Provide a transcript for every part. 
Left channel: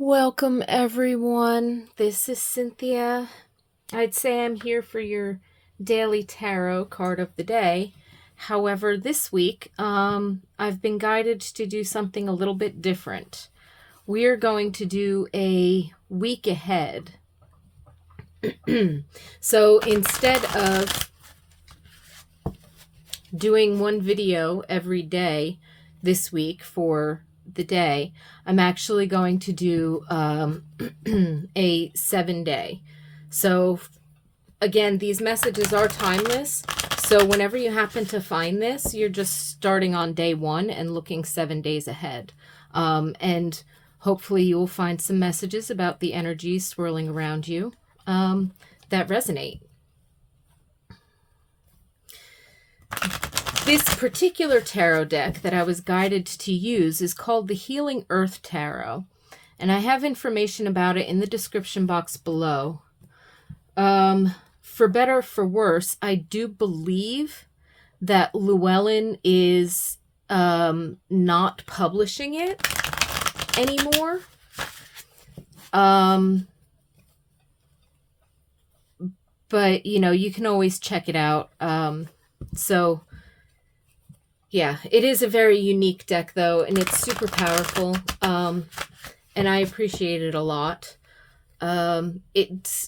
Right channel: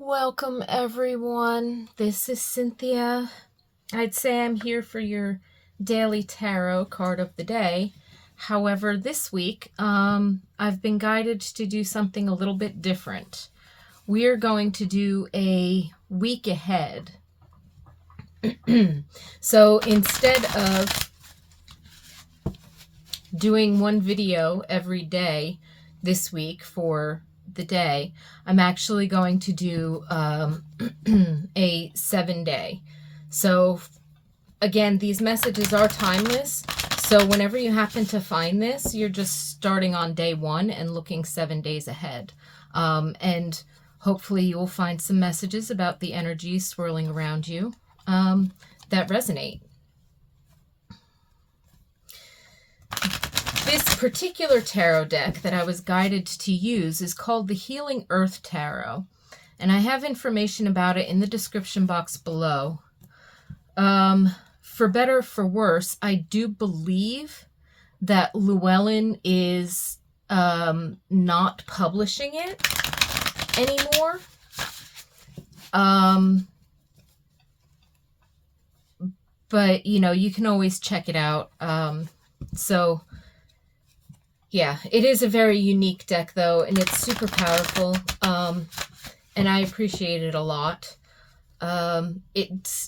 Welcome, everyone. This is Cynthia. I'd say I'm here for your daily tarot card of the day. However, this week, I've been guided to do something a little bit different. We are going to do a week ahead. So instead of doing one video every day this week for the day, I'm actually going to do a 7-day. So again, these messages are timeless. So whenever you happen to find this, you're just starting on day 1 and looking 7 days ahead. And hopefully you'll find some messages about the energies swirling around you that resonate. This particular tarot deck that I was guided to use is called the Healing Earth Tarot, and I have information about it in the description box below. For better or for worse, I do believe that Llewellyn is not publishing it anymore. But, you can always check it out. So yeah, it is a very unique deck, though, and it's super powerful, and I appreciate it a lot. It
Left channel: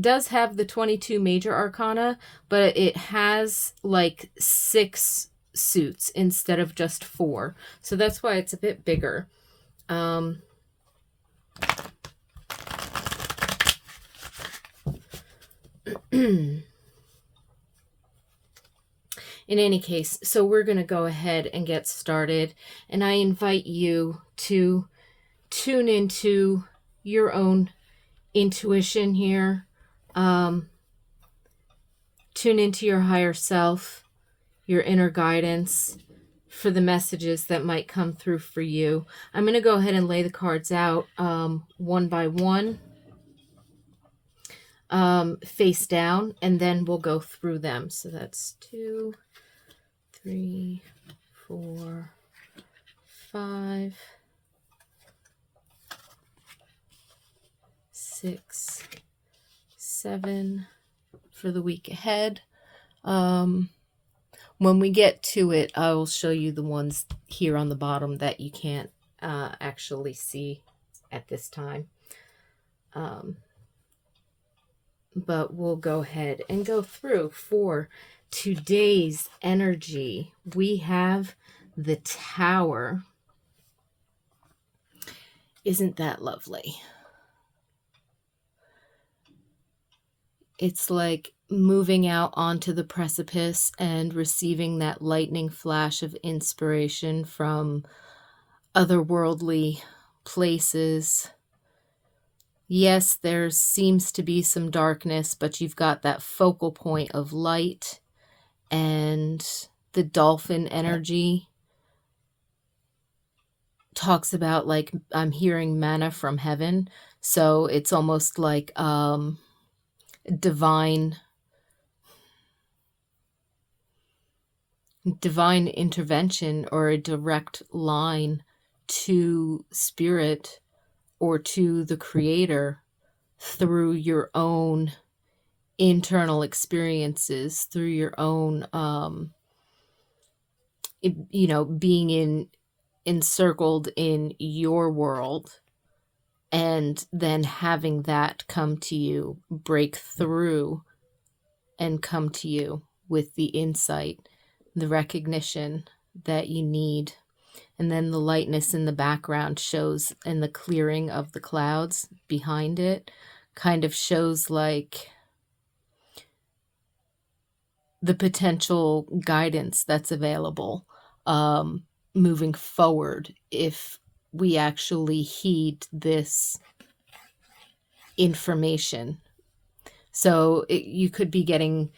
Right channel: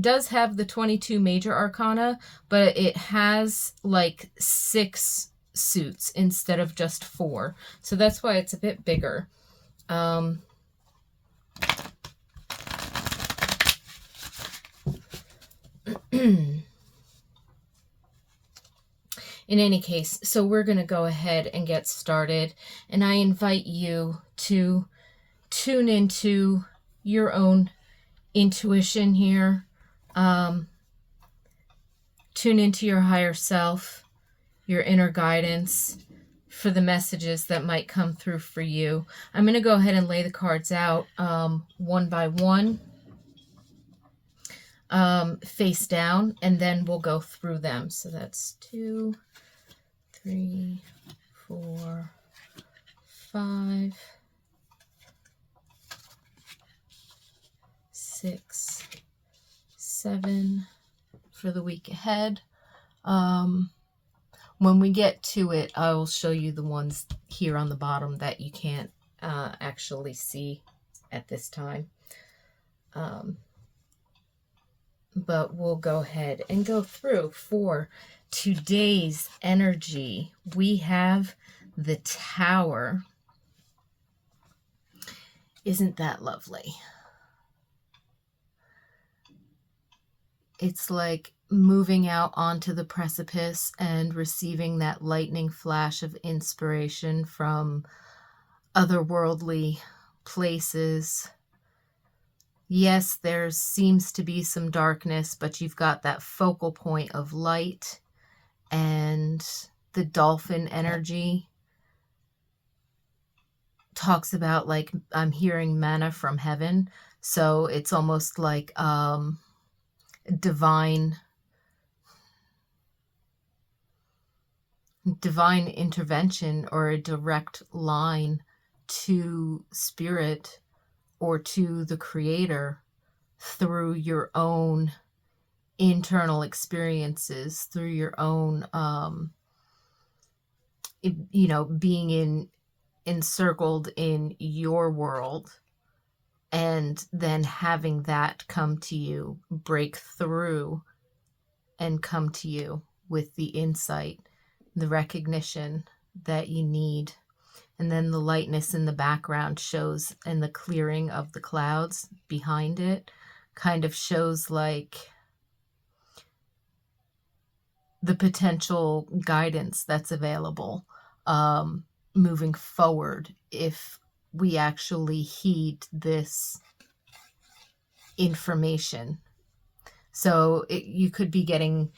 does have the 22 major arcana, but it has like 6 suits instead of just 4, so that's why it's a bit bigger. In any case, so we're going to go ahead and get started, and I invite you to tune into your own intuition here. Tune into your higher self, your inner guidance for the messages that might come through for you. I'm going to go ahead and lay the cards out one by one, face down, and then we'll go through them. So that's 2, 3, 4, 5, 6, 7 for the week ahead. When we get to it, I will show you the ones here on the bottom that you can't actually see at this time. But we'll go ahead and go through. For today's energy, we have the Tower. Isn't that lovely? It's like moving out onto the precipice and receiving that lightning flash of inspiration from otherworldly places. Yes, there seems to be some darkness, but you've got that focal point of light, and the dolphin energy talks about, like, I'm hearing manna from heaven. So it's almost like divine intervention, or a direct line to spirit or to the creator through your own internal experiences, through your own being encircled in your world, and then having that come to you, break through and come to you with the insight, the recognition that you need. And then the lightness in the background shows, and the clearing of the clouds behind it kind of shows like the potential guidance that's available moving forward if we actually heed this information. So you could be getting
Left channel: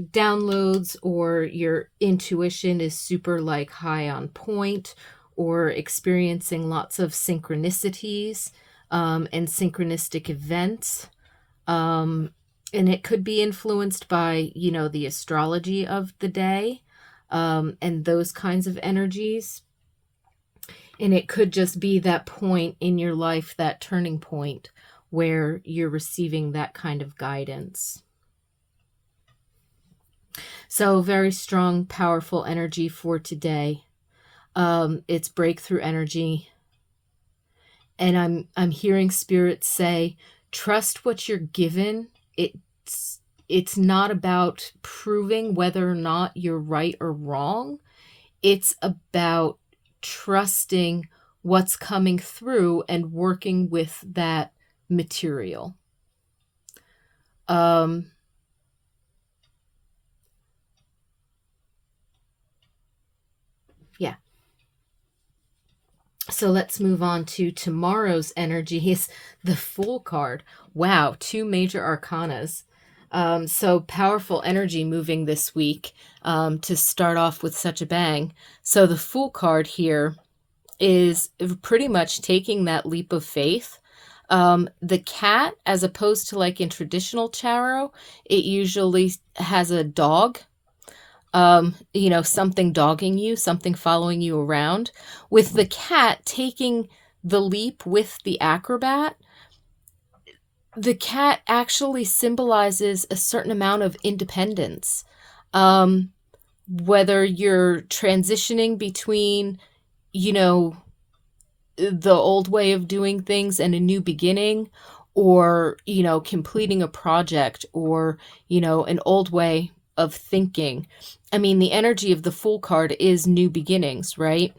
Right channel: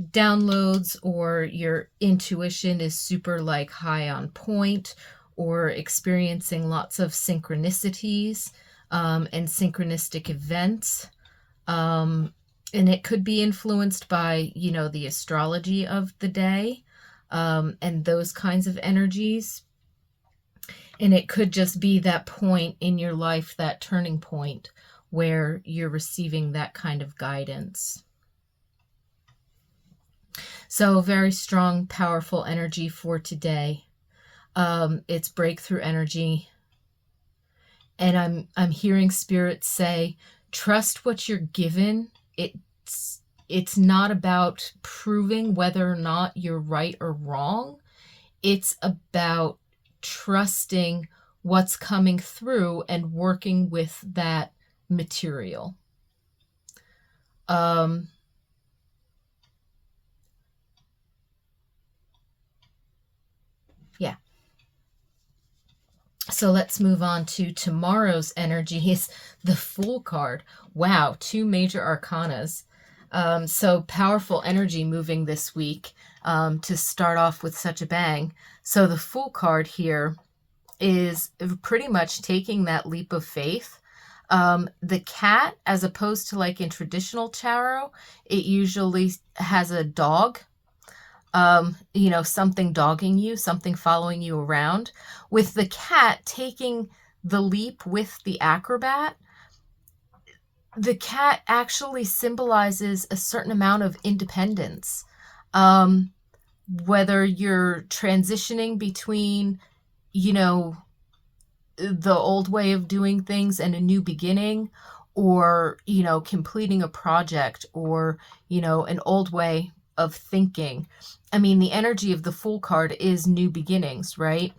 downloads, or your intuition is super like high on point, or experiencing lots of synchronicities and synchronistic events. And it could be influenced by, the astrology of the day and those kinds of energies. And it could just be that point in your life, that turning point where you're receiving that kind of guidance. So very strong, powerful energy for today. It's breakthrough energy. And I'm hearing spirit say, trust what you're given. It's not about proving whether or not you're right or wrong. It's about trusting what's coming through and working with that material. Yeah. So let's move on to tomorrow's energies. The Fool card. Wow, 2 major arcanas. So powerful energy moving this week to start off with such a bang. So the Fool card here is pretty much taking that leap of faith. The cat, as opposed to like in traditional tarot, it usually has a dog. Something dogging you, something following you around. With the cat taking the leap with the acrobat, the cat actually symbolizes a certain amount of independence. Whether you're transitioning between, the old way of doing things and a new beginning, or, completing a project, or, an old way of thinking. I mean, the energy of the Fool card is new beginnings, right?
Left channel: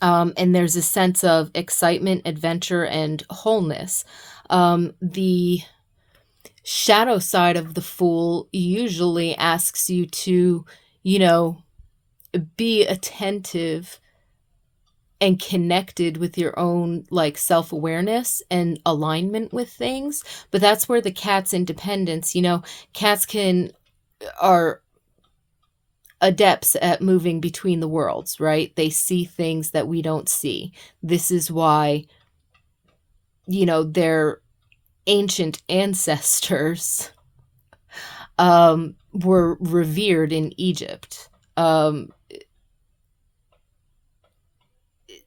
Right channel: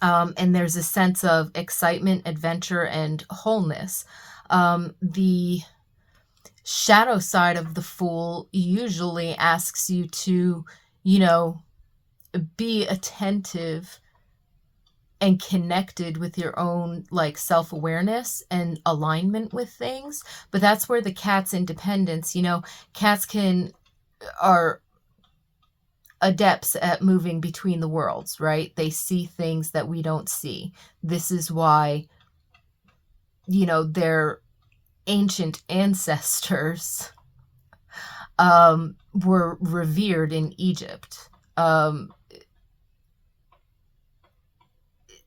And there's a sense of excitement, adventure, and wholeness. The shadow side of the Fool usually asks you to, be attentive and connected with your own like self-awareness and alignment with things. But that's where the cat's independence, cats are adepts at moving between the worlds, right? They see things that we don't see. This is why, their ancient ancestors were revered in Egypt.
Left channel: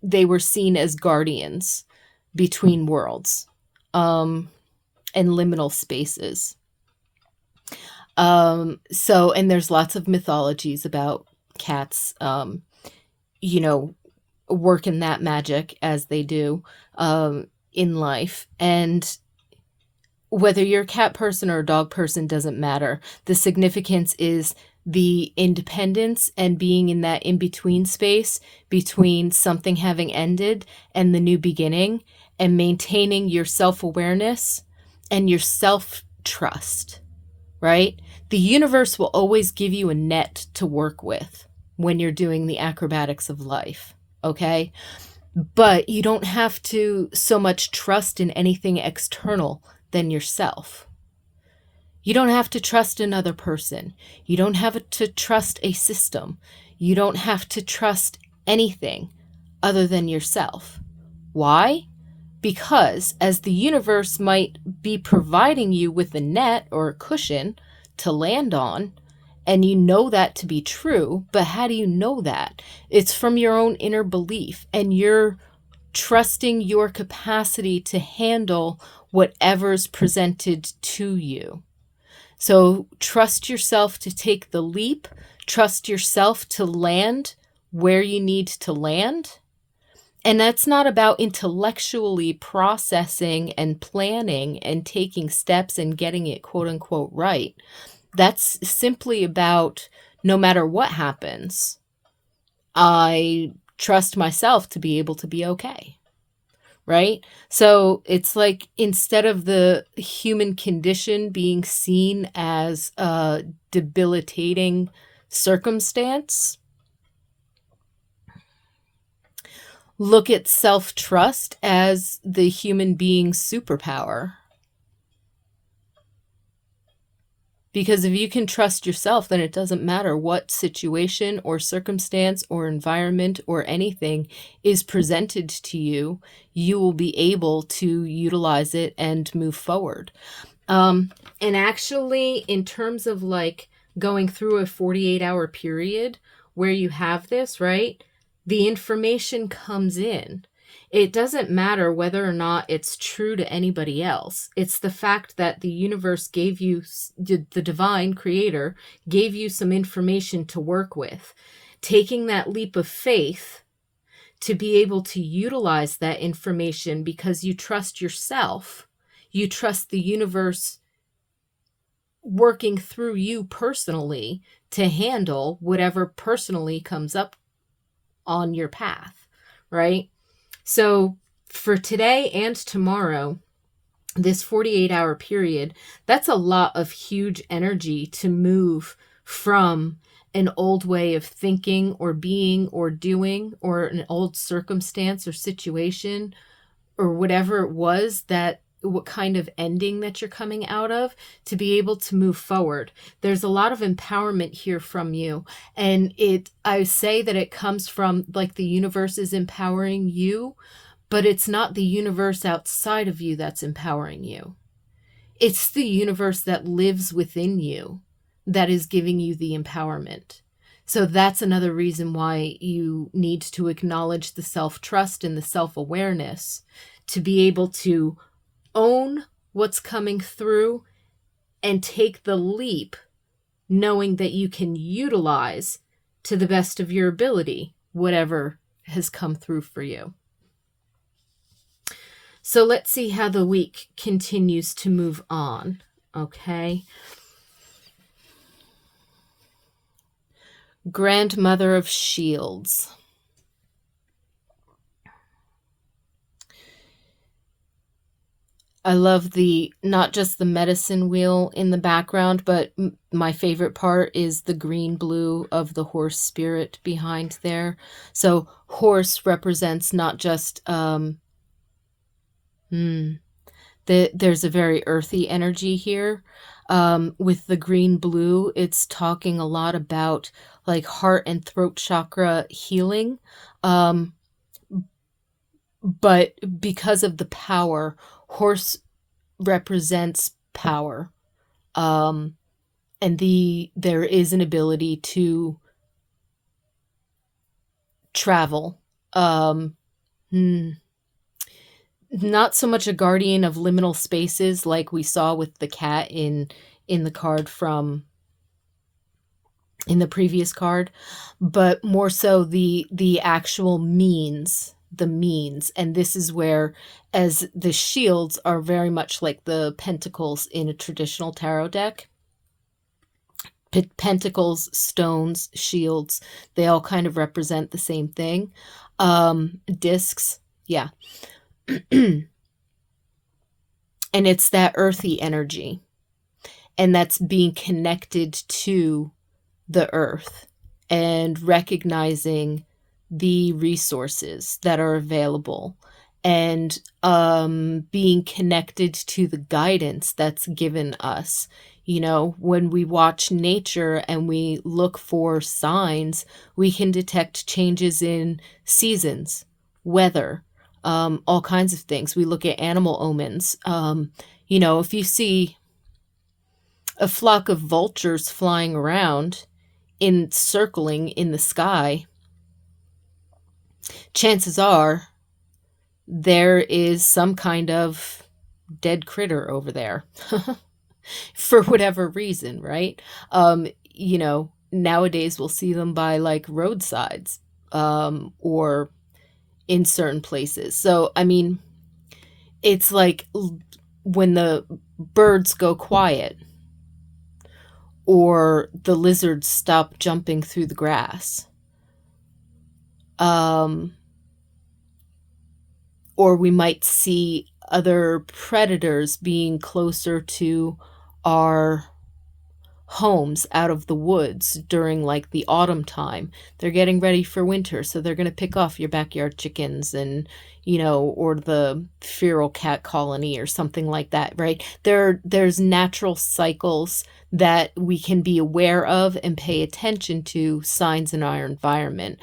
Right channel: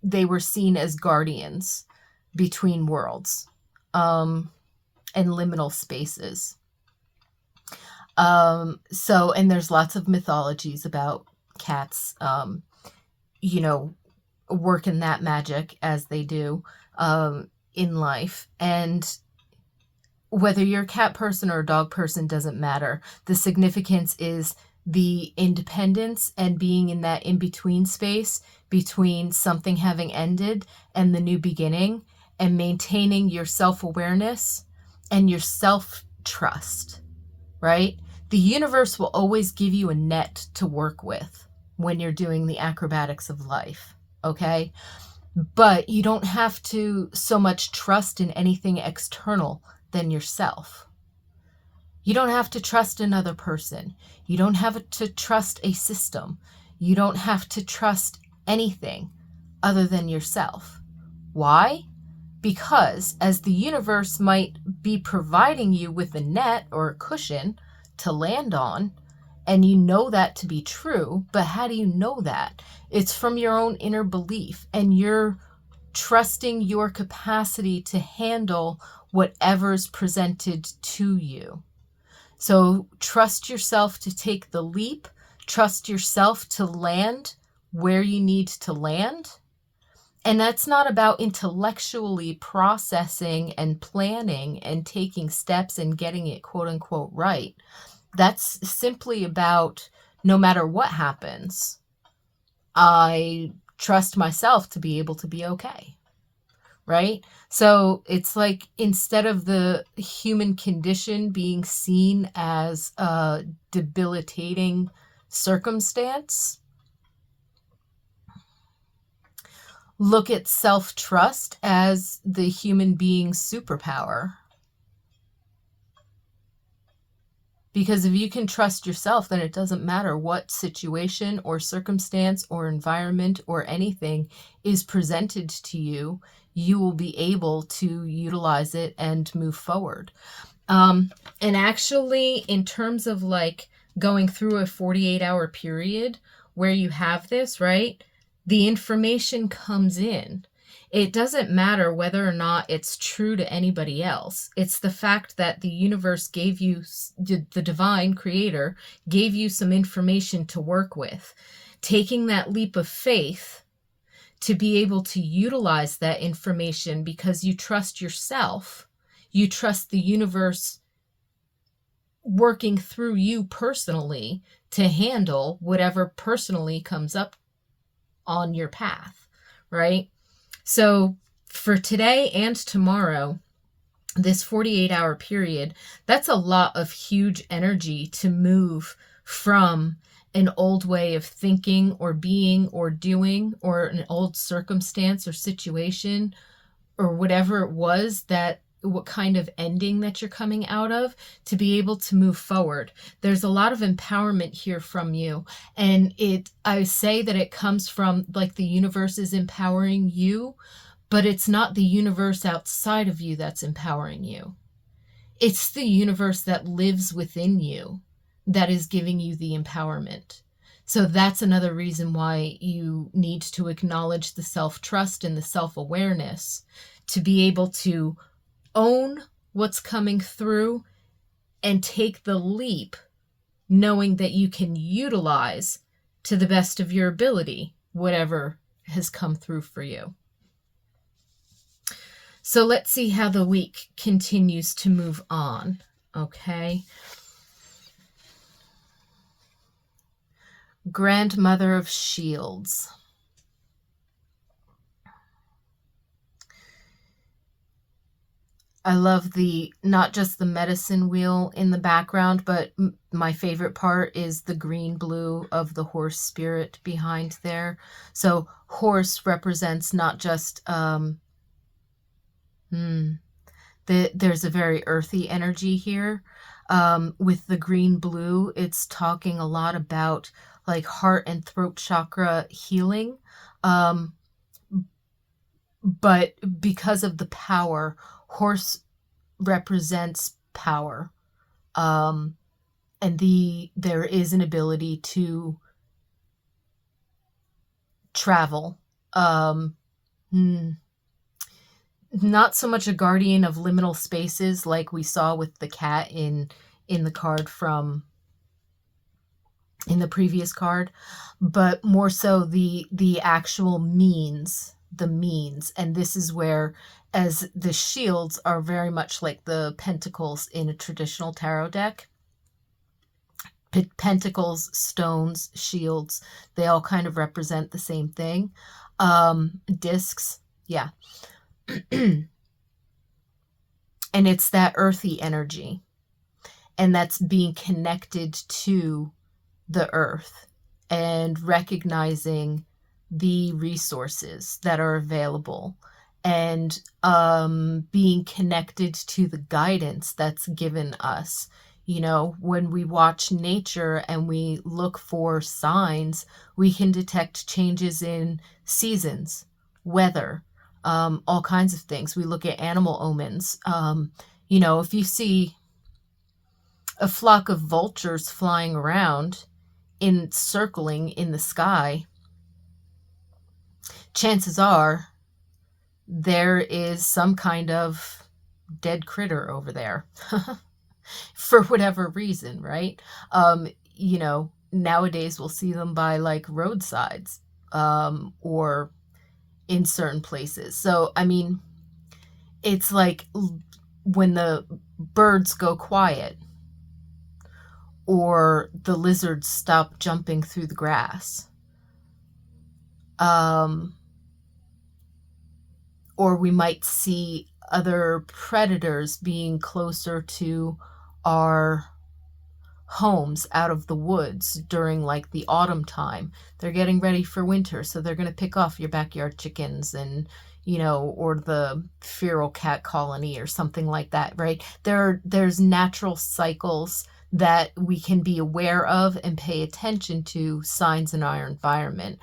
They were seen as guardians between worlds and liminal spaces. And there's lots of mythologies about cats, working that magic as they do in life. And whether you're a cat person or a dog person doesn't matter. The significance is the independence and being in that in-between space between something having ended and the new beginning, and maintaining your self-awareness and your self-trust, right? The universe will always give you a net to work with when you're doing the acrobatics of life, okay? But you don't have to so much trust in anything external than yourself. You don't have to trust another person. You don't have to trust a system. You don't have to trust anything other than yourself. Why? Because as the universe might be providing you with a net or a cushion to land on, and you know that to be true, but how do you know that? It's from your own inner belief, and you're trusting your capacity to handle whatever's presented to you. So trust yourself to take the leap, trust yourself to land where you need to land. And that's not about intellectually processing and planning and taking steps and getting it quote unquote right. That's simply about, no matter what happens, I trust myself to be able to be okay. Right? So it's like, instead of the human condition being seen as a debilitating circumstance, look at self-trust as the human being's superpower. Because if you can trust yourself, then it doesn't matter what situation or circumstance or environment or anything is presented to you, you will be able to utilize it and move forward. And actually, in terms of like going through a 48-hour period where you have this, right? the information comes in. It doesn't matter whether or not it's true to anybody else. It's the fact that the universe gave you, the divine creator gave you some information to work with. Taking that leap of faith to be able to utilize that information because you trust yourself, you trust the universe working through you personally to handle whatever personally comes up on your path, right? So for today and tomorrow, this 48-hour period, that's a lot of huge energy to move from an old way of thinking or being or doing, or an old circumstance or situation or whatever it was, that what kind of ending that you're coming out of, to be able to move forward. There's a lot of empowerment here from you. And I say that it comes from, like, the universe is empowering you, but it's not the universe outside of you that's empowering you. It's the universe that lives within you that is giving you the empowerment. So that's another reason why you need to acknowledge the self-trust and the self-awareness to be able to own what's coming through and take the leap, knowing that you can utilize to the best of your ability whatever has come through for you. So let's see how the week continues to move on, okay? Grandmother of Shields. I love not just the medicine wheel in the background, but my favorite part is the green blue of the horse spirit behind there. So horse represents not just, there's a very earthy energy here. With the green blue, it's talking a lot about like heart and throat chakra healing. But because of the power, horse represents power. And there is an ability to travel. Not so much a guardian of liminal spaces like we saw with the cat in the card in the previous card, but more so the actual means, and this is where, as the shields are very much like the pentacles in a traditional tarot deck. Pentacles, stones, shields, they all kind of represent the same thing. Discs, yeah. And it's that earthy energy, and that's being connected to the earth and recognizing the resources that are available, and being connected to the guidance that's given us. You know, when we watch nature and we look for signs, we can detect changes in seasons, weather, all kinds of things. We look at animal omens. You know, if you see a flock of vultures flying around circling in the sky, chances are there is some kind of dead critter over there for whatever reason, right? You know, nowadays we'll see them by like roadsides, or in certain places. So, I mean, it's like when the birds go quiet, or the lizards stop jumping through the grass. Or we might see other predators being closer to our homes out of the woods during like the autumn time. They're getting ready for winter, so they're going to pick off your backyard chickens and, you know, or the feral cat colony or something like that, right? There's natural cycles that we can be aware of and pay attention to, signs in our environment.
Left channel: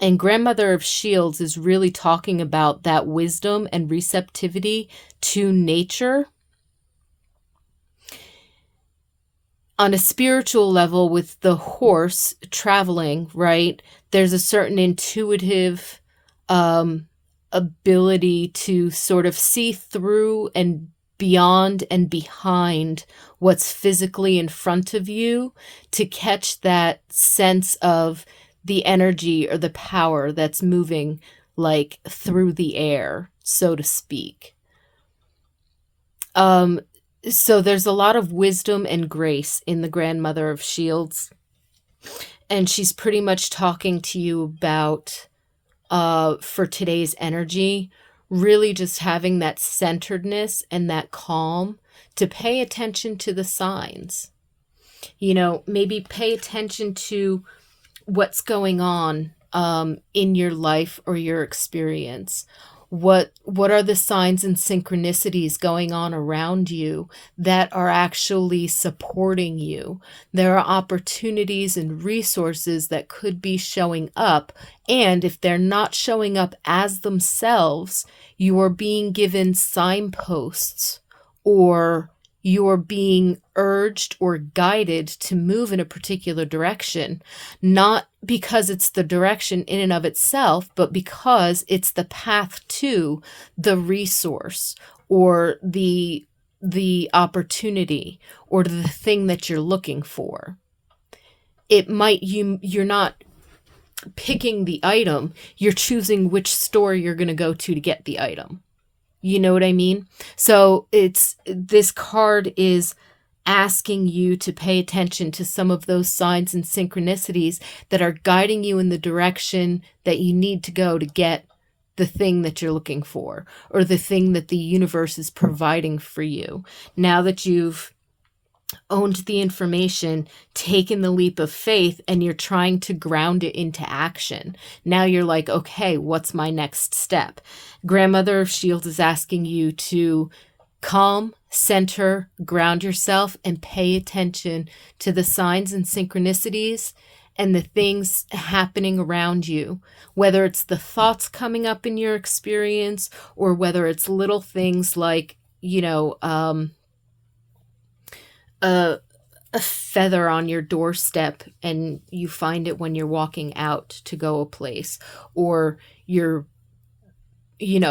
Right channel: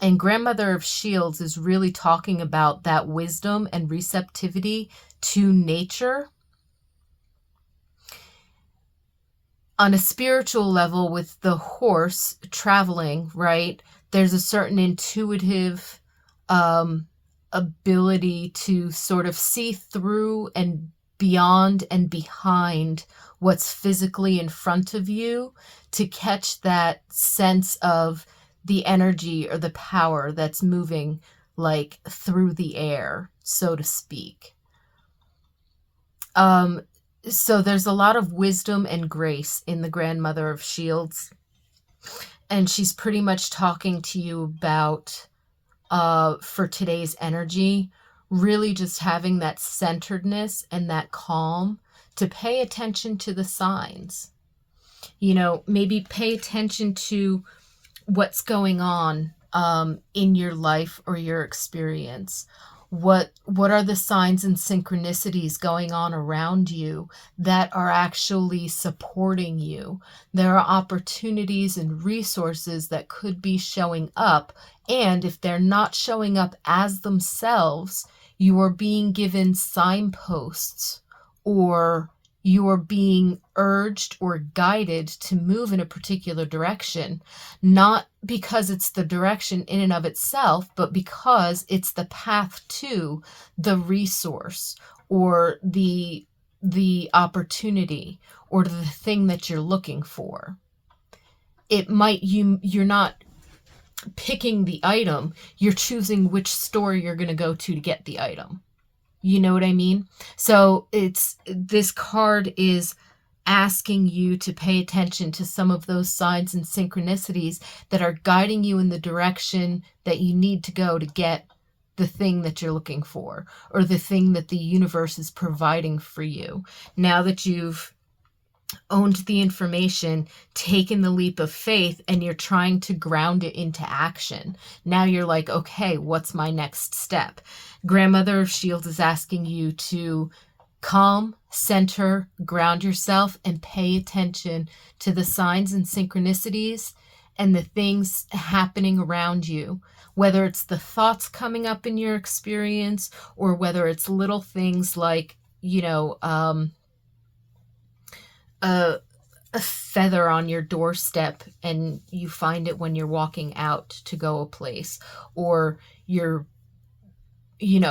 And Grandmother of Shields is really talking about that wisdom and receptivity to nature. On a spiritual level, with the horse traveling, right, there's a certain intuitive um, ability to sort of see through and beyond and behind what's physically in front of you, to catch that sense of the energy or the power that's moving like through the air, so to speak. Um, so there's a lot of wisdom and grace in the Grandmother of Shields, and she's pretty much talking to you about, for today's energy, really just having that centeredness and that calm to pay attention to the signs. Maybe pay attention to what's going on in your life or your experience. What are the signs and synchronicities going on around you that are actually supporting you? There are opportunities and resources that could be showing up, and if they're not showing up as themselves, you are being given signposts, or you're being urged or guided to move in a particular direction, not because it's the direction in and of itself, but because it's the path to the resource, or the opportunity, or the thing that you're looking for. You're not picking the item, you're choosing which store you're going to go to get the item. You know what I mean? So this card is asking you to pay attention to some of those signs and synchronicities that are guiding you in the direction that you need to go to get the thing that you're looking for, or the thing that the universe is providing for you. Now that you've owned the information, taken the leap of faith, and you're trying to ground it into action. Now you're like, okay, what's my next step? Grandmother of Shields is asking you to calm, center, ground yourself, and pay attention to the signs and synchronicities and the things happening around you, whether it's the thoughts coming up in your experience, or whether it's little things like, a feather on your doorstep and you find it when you're walking out to go a place, or you're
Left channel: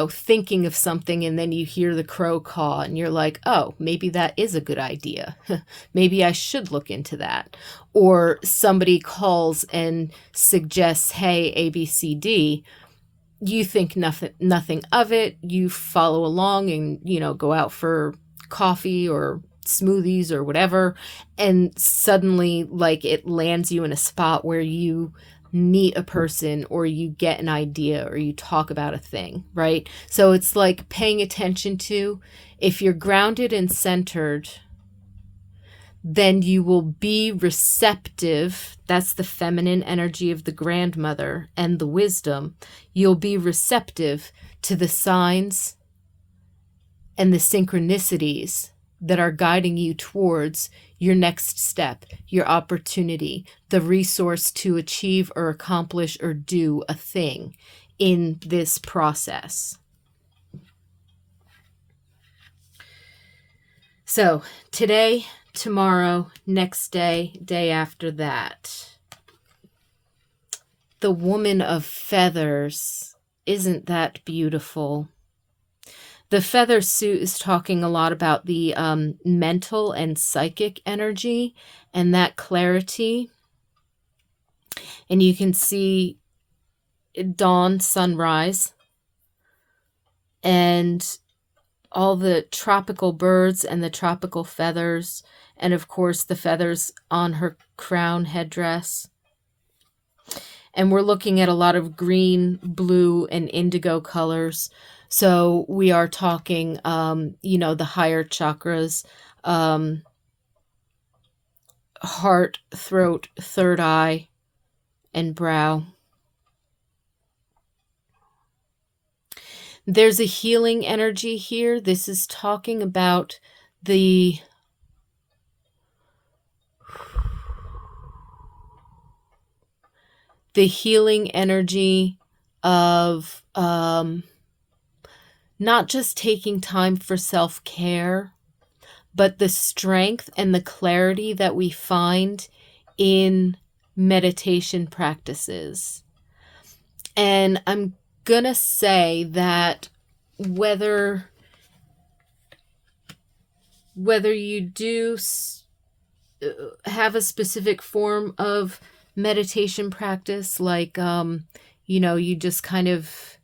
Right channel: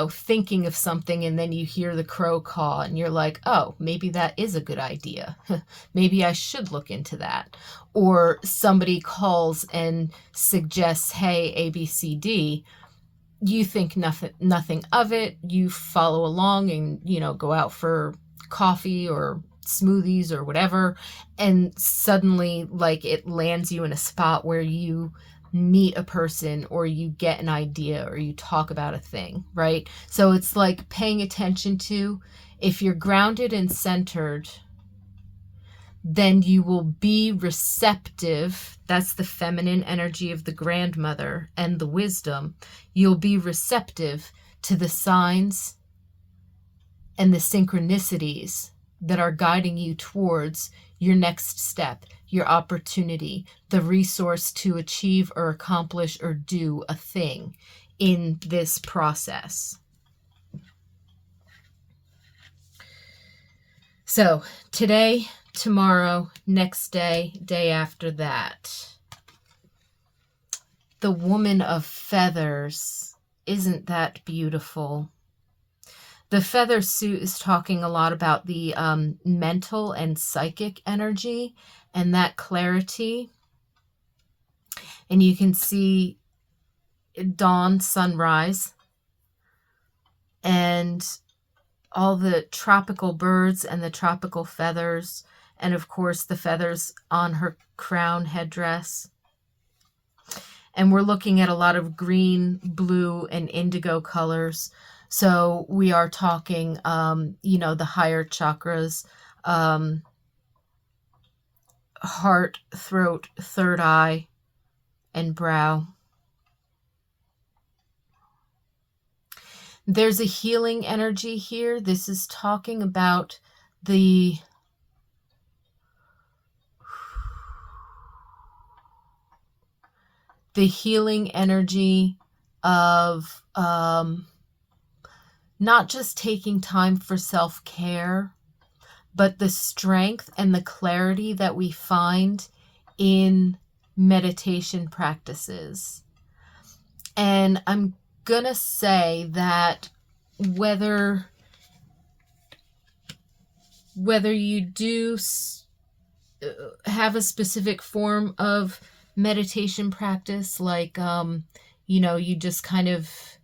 thinking of something and then you hear the crow caw and you're like, oh, maybe that is a good idea. Maybe I should look into that. Or somebody calls and suggests, hey, ABCD. You think nothing of it. You follow along and, go out for coffee or smoothies or whatever, and suddenly, like, it lands you in a spot where you meet a person, or you get an idea, or you talk about a thing, right? So it's like paying attention to, if you're grounded and centered, then you will be receptive. That's the feminine energy of the grandmother and the wisdom. You'll be receptive to the signs and the synchronicities that are guiding you towards your next step, your opportunity, the resource to achieve or accomplish or do a thing in this process. So today, tomorrow, next day, day after that. The Woman of Feathers, isn't that beautiful? The feather suit is talking a lot about the mental and psychic energy and that clarity. And you can see dawn, sunrise, and all the tropical birds and the tropical feathers, and of course the feathers on her crown headdress. And we're looking at a lot of green, blue, and indigo colors. So we are talking, the higher chakras, heart, throat, third eye, and brow. There's a healing energy here. This is talking about the healing energy of not just taking time for self-care, but the strength and the clarity that we find in meditation practices. And I'm going to say that whether you do have a specific form of meditation practice, like, you just kind of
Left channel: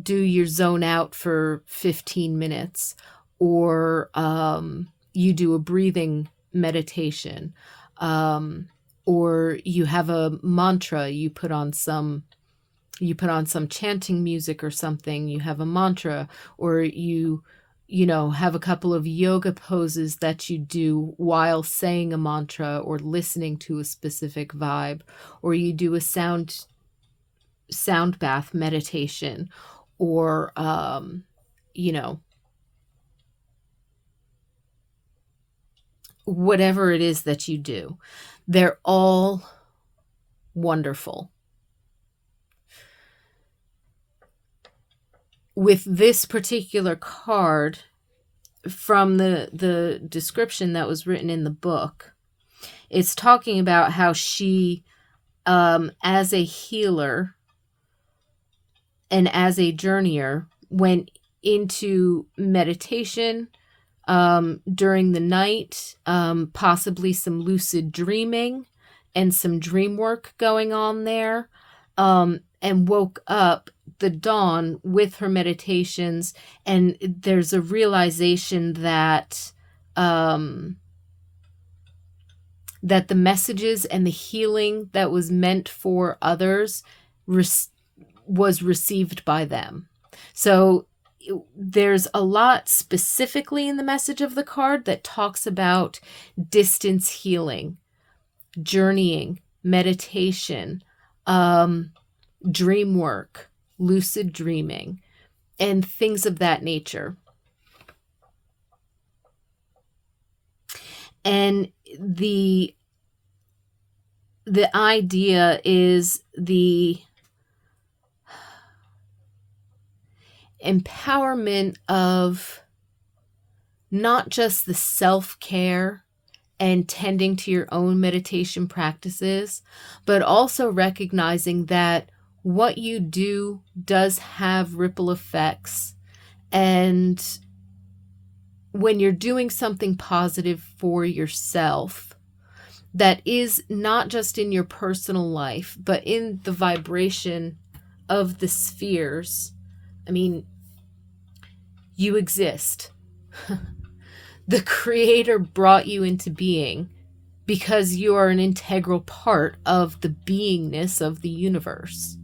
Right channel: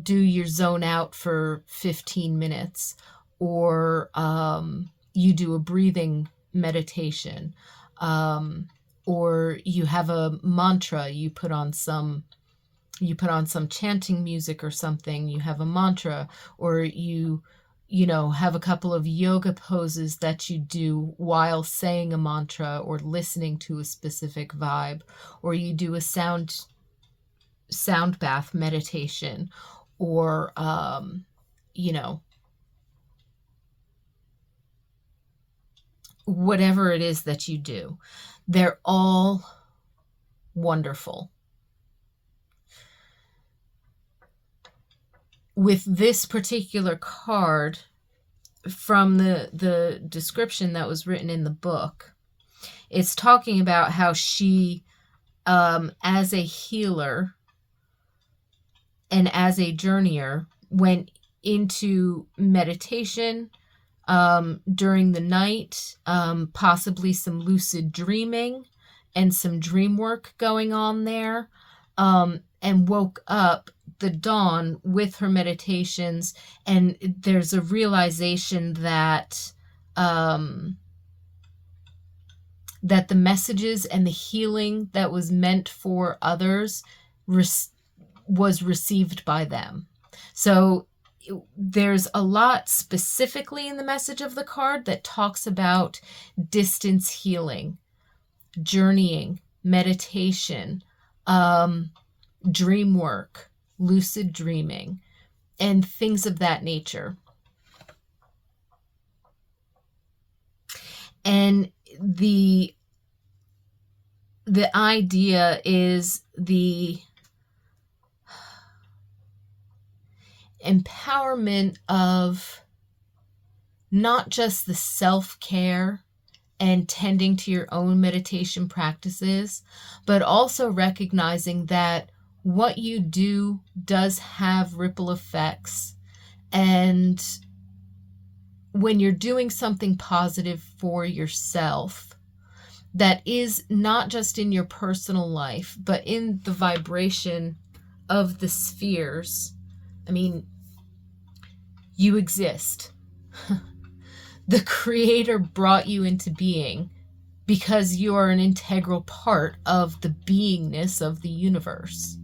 do your zone out for 15 minutes, or you do a breathing meditation, or you have a mantra, you put on some chanting music or something, you have a mantra, or you have a couple of yoga poses that you do while saying a mantra or listening to a specific vibe, or you do a sound bath meditation, or whatever it is that you do. They're all wonderful. With this particular card, from the description that was written in the book, it's talking about how she, as a healer and as a journeyer, went into meditation during the night, possibly some lucid dreaming and some dream work going on there, and woke up the dawn with her meditations. And there's a realization that that the messages and the healing that was meant for others was received by them. So there's a lot specifically in the message of the card that talks about distance healing, journeying, meditation, dream work, lucid dreaming, and things of that nature. And the idea is the empowerment of not just the self-care and tending to your own meditation practices, but also recognizing that what you do does have ripple effects. And when you're doing something positive for yourself, that is not just in your personal life, but in the vibration of the spheres. I mean, you exist. The Creator brought you into being because you are an integral part of the beingness of the universe.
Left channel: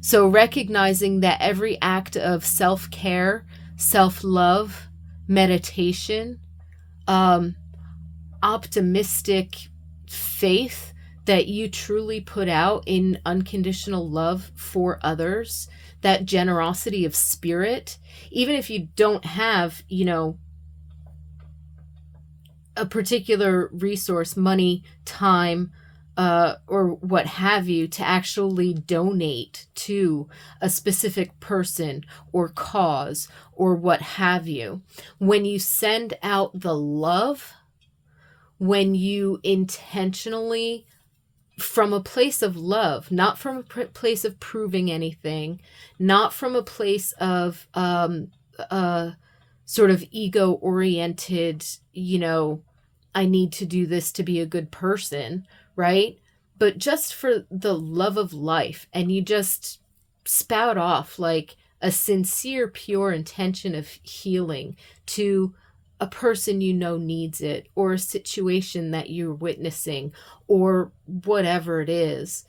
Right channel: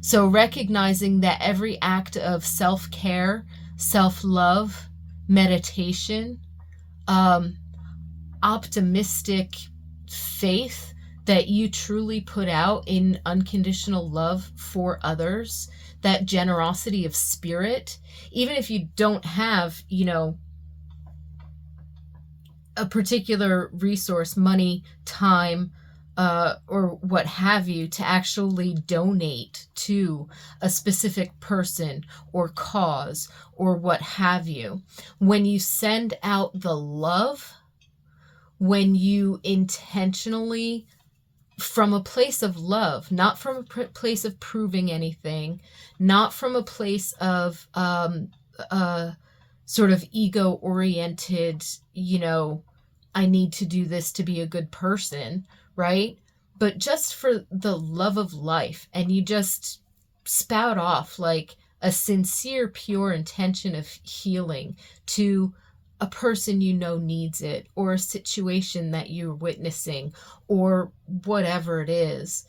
So recognizing that every act of self-care, self-love, meditation, optimistic faith that you truly put out in unconditional love for others, that generosity of spirit, even if you don't have, a particular resource, money, time, or what have you, to actually donate to a specific person or cause or what have you. When you send out the love, when you intentionally, from a place of love, not from a place of proving anything, not from a place of sort of ego-oriented, I need to do this to be a good person, right? But just for the love of life, and you just spout off like a sincere, pure intention of healing to a person needs it, or a situation that you're witnessing, or whatever it is,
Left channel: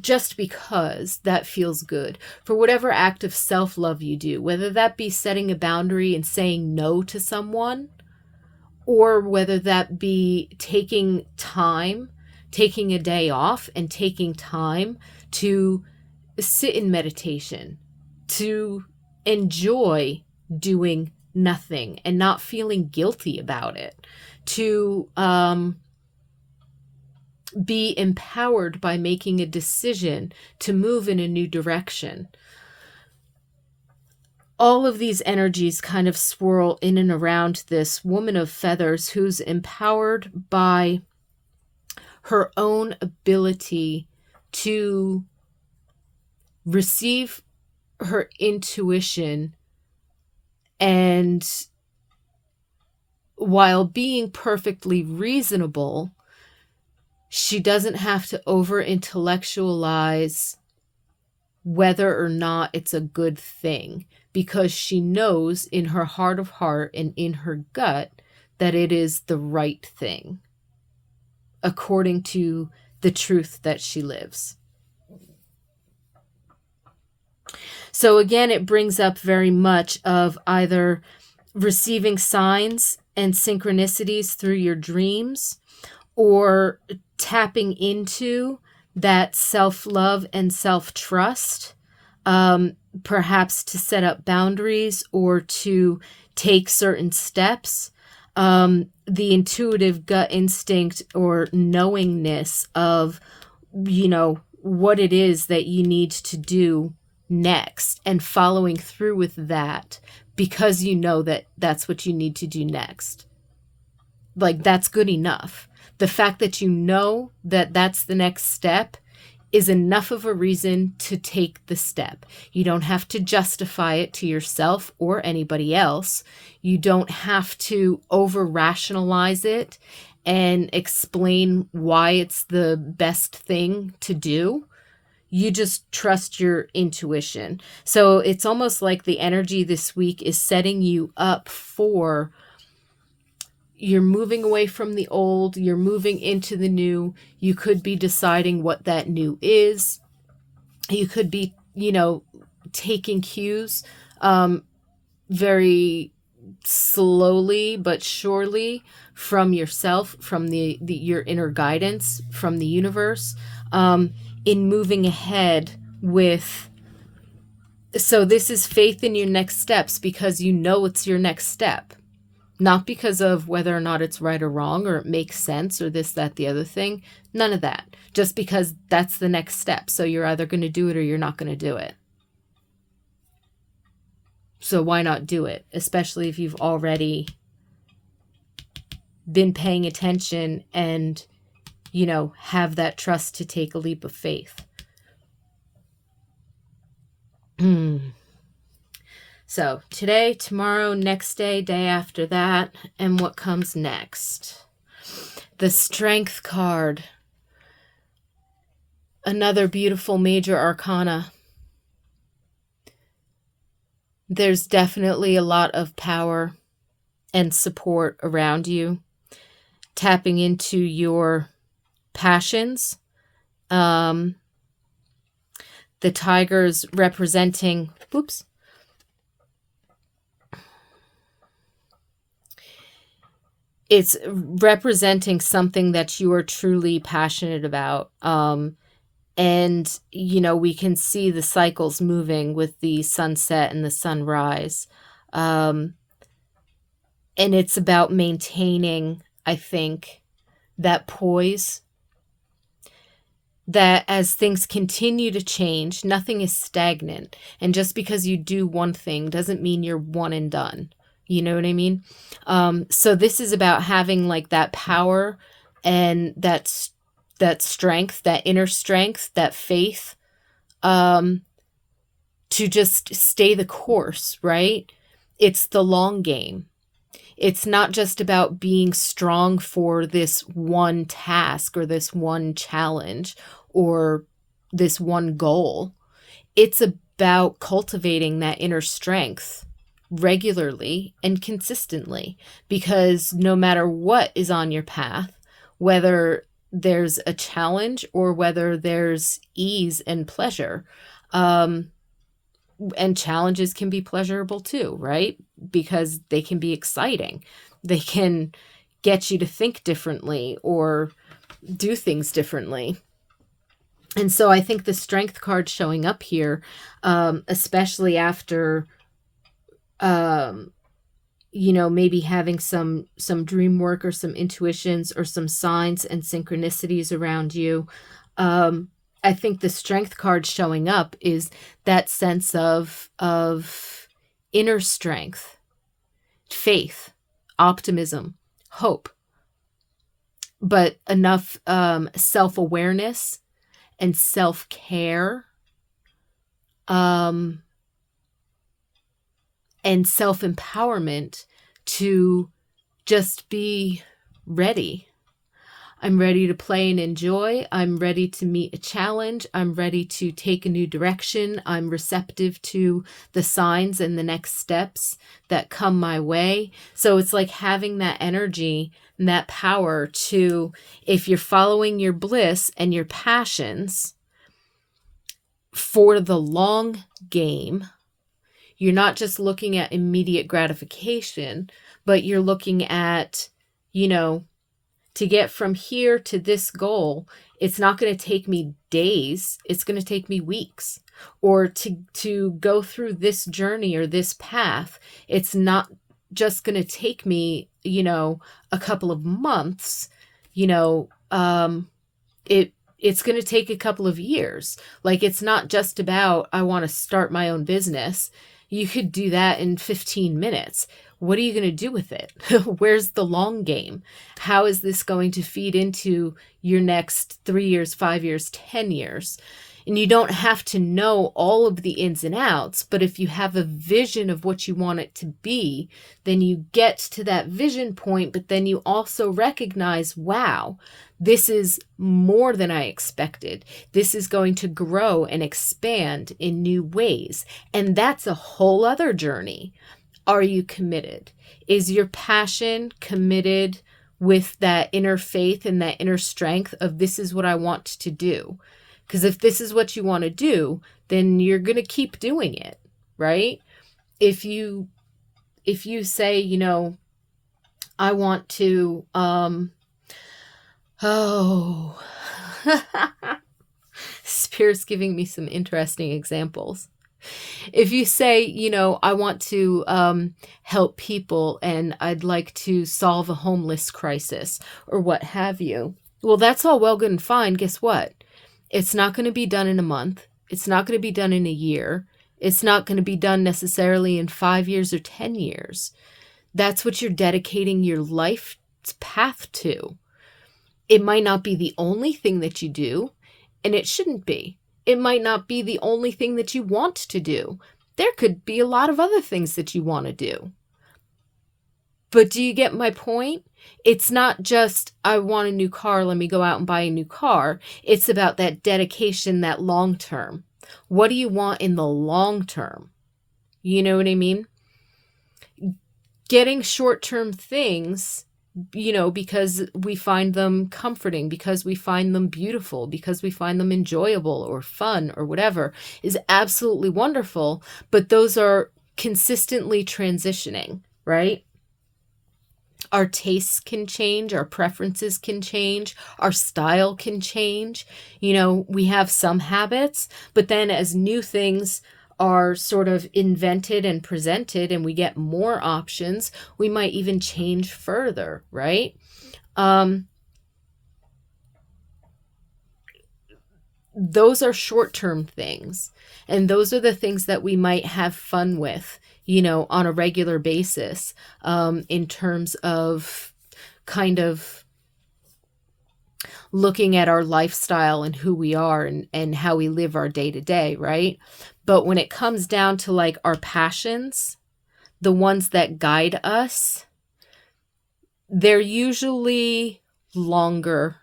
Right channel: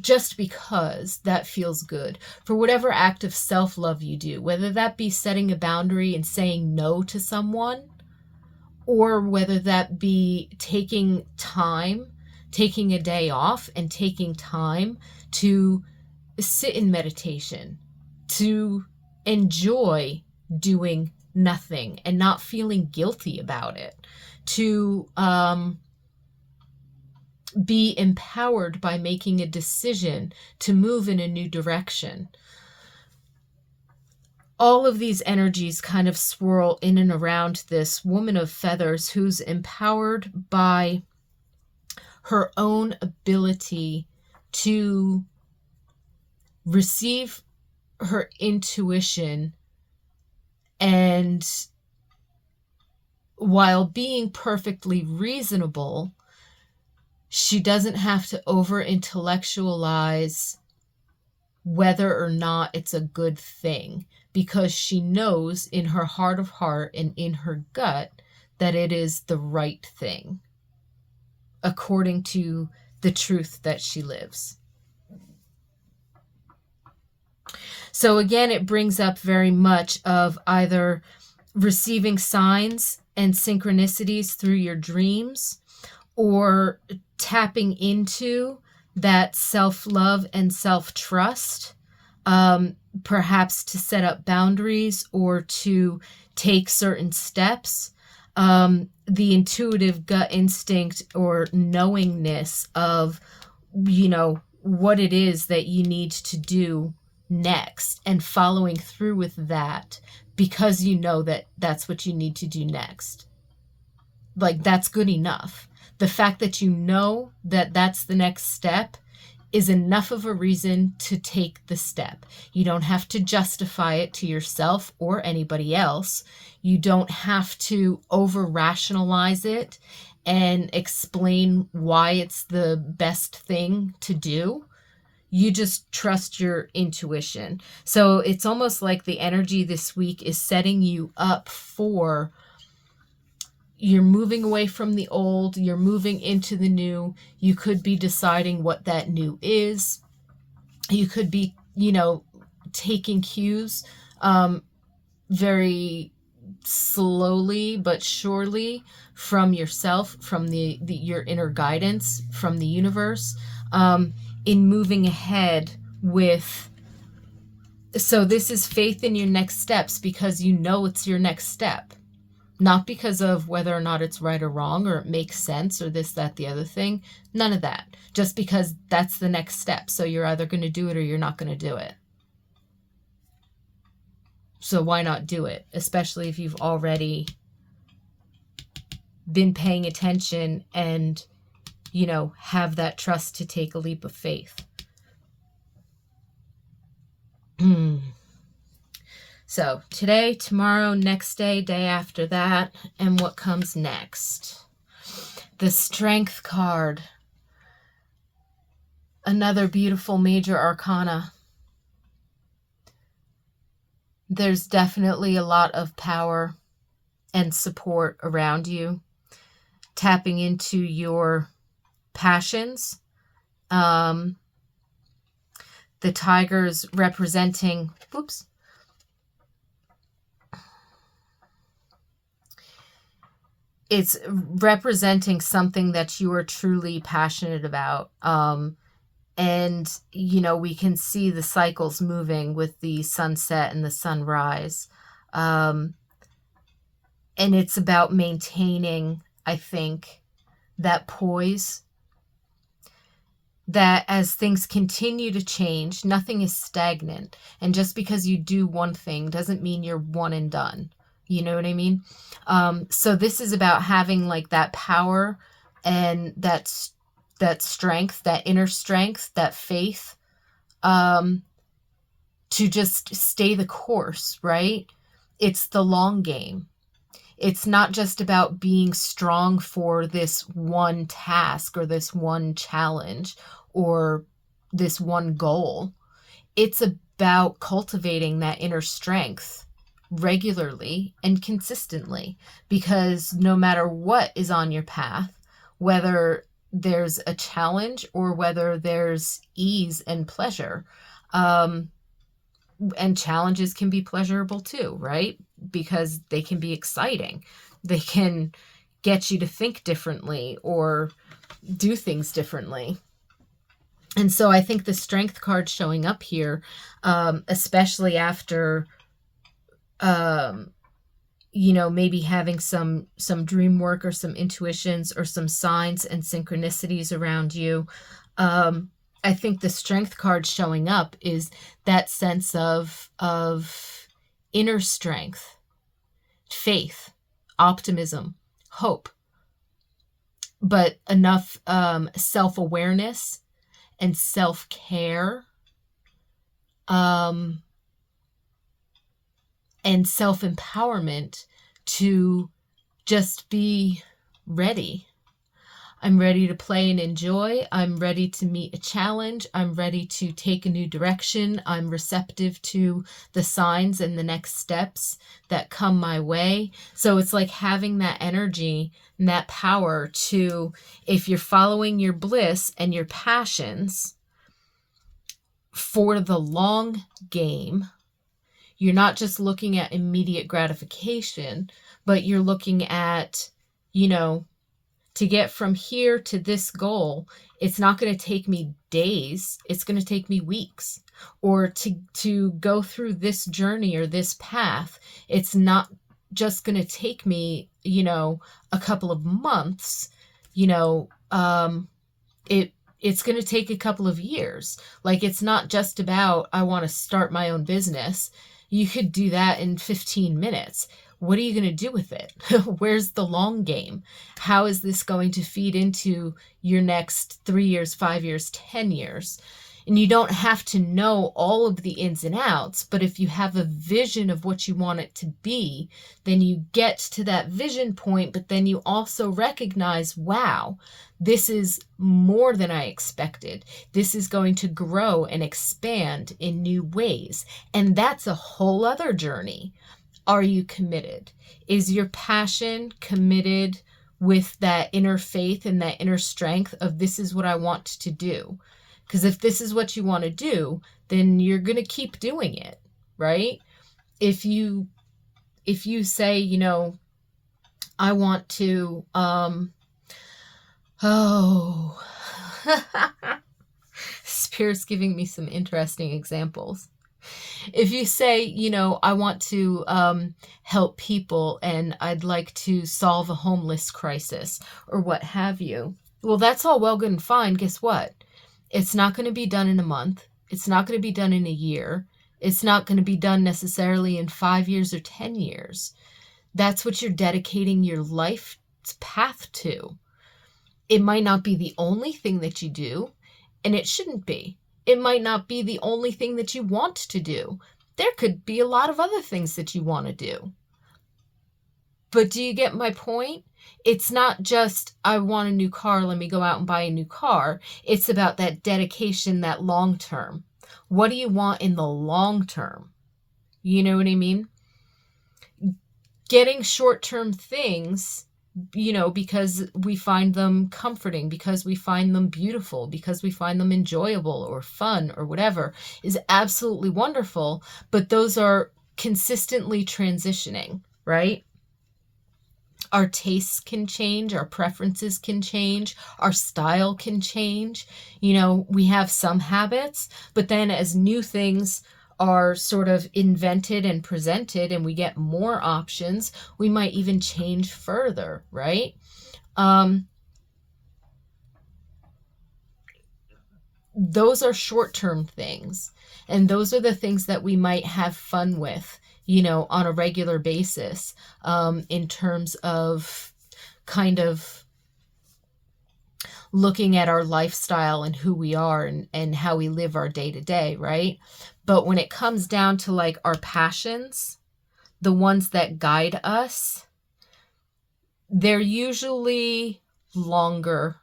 just because that feels good. For whatever act of self-love you do, whether that be setting a boundary and saying no to someone, or whether that be taking a day off and taking time to sit in meditation, to enjoy doing nothing and not feeling guilty about it, to be empowered by making a decision to move in a new direction. all of these energies kind of swirl in and around this woman of feathers who's empowered by her own ability to receive her intuition, and while being perfectly reasonable, she doesn't have to over intellectualize whether or not it's a good thing, because she knows in her heart of heart and in her gut that it is the right thing according to the truth that she lives. So again, it brings up very much of either receiving signs and synchronicities through your dreams, or tapping into that self-love and self-trust, perhaps to set up boundaries or to take certain steps. The intuitive gut instinct or knowingness of, what it is that you need to do next, and following through with that because you know that that's what you need to do next. Like, that's good enough. The fact that you know that that's the next step is enough of a reason to take the step. You don't have to justify it to yourself or anybody else. You don't have to over-rationalize it and explain why it's the best thing to do. You just trust your intuition. So it's almost like the energy this week is setting you up for, you're moving away from the old, you're moving into the new. You could be deciding what that new is. You could be, taking cues very slowly but surely from yourself, from your inner guidance, from the universe, in moving ahead with. So this is faith in your next steps, because you know it's your next step. Not because of whether or not it's right or wrong, or it makes sense, or this, that, the other thing. None of that. Just because that's the next step. So you're either going to do it or you're not going to do it. So why not do it? Especially if you've already been paying attention and, have that trust to take a leap of faith. So today, tomorrow, next day, day after that, and what comes next? The Strength card. Another beautiful major arcana. There's definitely a lot of power and support around you. Tapping into your passions. The tigers representing... Whoops. It's representing something that you are truly passionate about. And, we can see the cycles moving with the sunset and the sunrise. And it's about maintaining, I think, that poise. That as things continue to change, nothing is stagnant. And just because you do one thing doesn't mean you're one and done. You know what I mean? So this is about having like that power and that strength, that inner strength, that faith, to just stay the course, right? It's the long game. It's not just about being strong for this one task or this one challenge or this one goal. It's about cultivating that inner strength regularly and consistently, because no matter what is on your path, whether there's a challenge or whether there's ease and pleasure, and challenges can be pleasurable too, right? Because they can be exciting. They can get you to think differently or do things differently. And so I think the Strength card showing up here, especially after maybe having some dream work or some intuitions or some signs and synchronicities around you. I think the Strength card showing up is that sense of inner strength, faith, optimism, hope, but enough self-awareness and self-care and self-empowerment to just be ready. I'm ready to play and enjoy. I'm ready to meet a challenge. I'm ready to take a new direction. I'm receptive to the signs and the next steps that come my way. So it's like having that energy and that power to, if you're following your bliss and your passions for the long game, you're not just looking at immediate gratification, but you're looking at, to get from here to this goal, it's not going to take me days. It's going to take me weeks. Or to go through this journey or this path, it's not just going to take me, a couple of months. It's going to take a couple of years. Like, it's not just about, I want to start my own business. You could do that in 15 minutes. What are you going to do with it? Where's the long game? How is this going to feed into your next 3 years, 5 years, 10 years? And you don't have to know all of the ins and outs, but if you have a vision of what you want it to be, then you get to that vision point, but then you also recognize, wow, this is more than I expected. This is going to grow and expand in new ways. And that's a whole other journey. Are you committed? Is your passion committed with that inner faith and that inner strength of, this is what I want to do? Because if this is what you want to do, then you're going to keep doing it, right? If you say, I want to, Spirit's giving me some interesting examples. If you say, I want to help people and I'd like to solve a homeless crisis or what have you, well, that's all well, good and fine. Guess what? It's not going to be done in a month. It's not going to be done in a year. It's not going to be done necessarily in 5 years or 10 years. That's what you're dedicating your life's path to. It might not be the only thing that you do, and it shouldn't be. It might not be the only thing that you want to do. There could be a lot of other things that you want to do. But do you get my point? It's not just, I want a new car, let me go out and buy a new car. It's about that dedication, that long term. What do you want in the long term? You know what I mean? Getting short-term things, because we find them comforting, because we find them beautiful, because we find them enjoyable or fun or whatever, is absolutely wonderful. But those are consistently transitioning, right? Our tastes can change, our preferences can change, our style can change. We have some habits, but then as new things are sort of invented and presented and we get more options, we might even change further, right? Those are short-term things, and those are the things that we might have fun with, on a regular basis, in terms of kind of looking at our lifestyle and who we are and how we live our day to day, right? But when it comes down to like our passions, the ones that guide us, they're usually longer.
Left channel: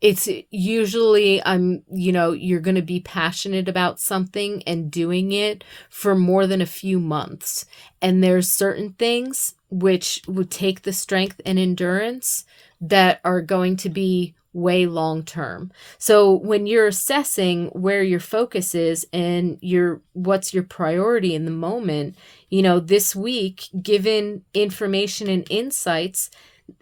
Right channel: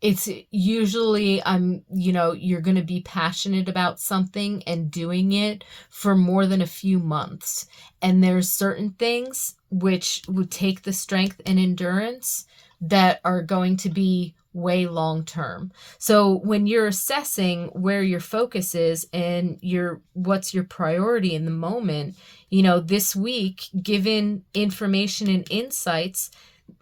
It's usually, you're going to be passionate about something and doing it for more than a few months. And there's certain things which would take the strength and endurance that are going to be way long term. So when you're assessing where your focus is and what's your priority in the moment, this week, given information and insights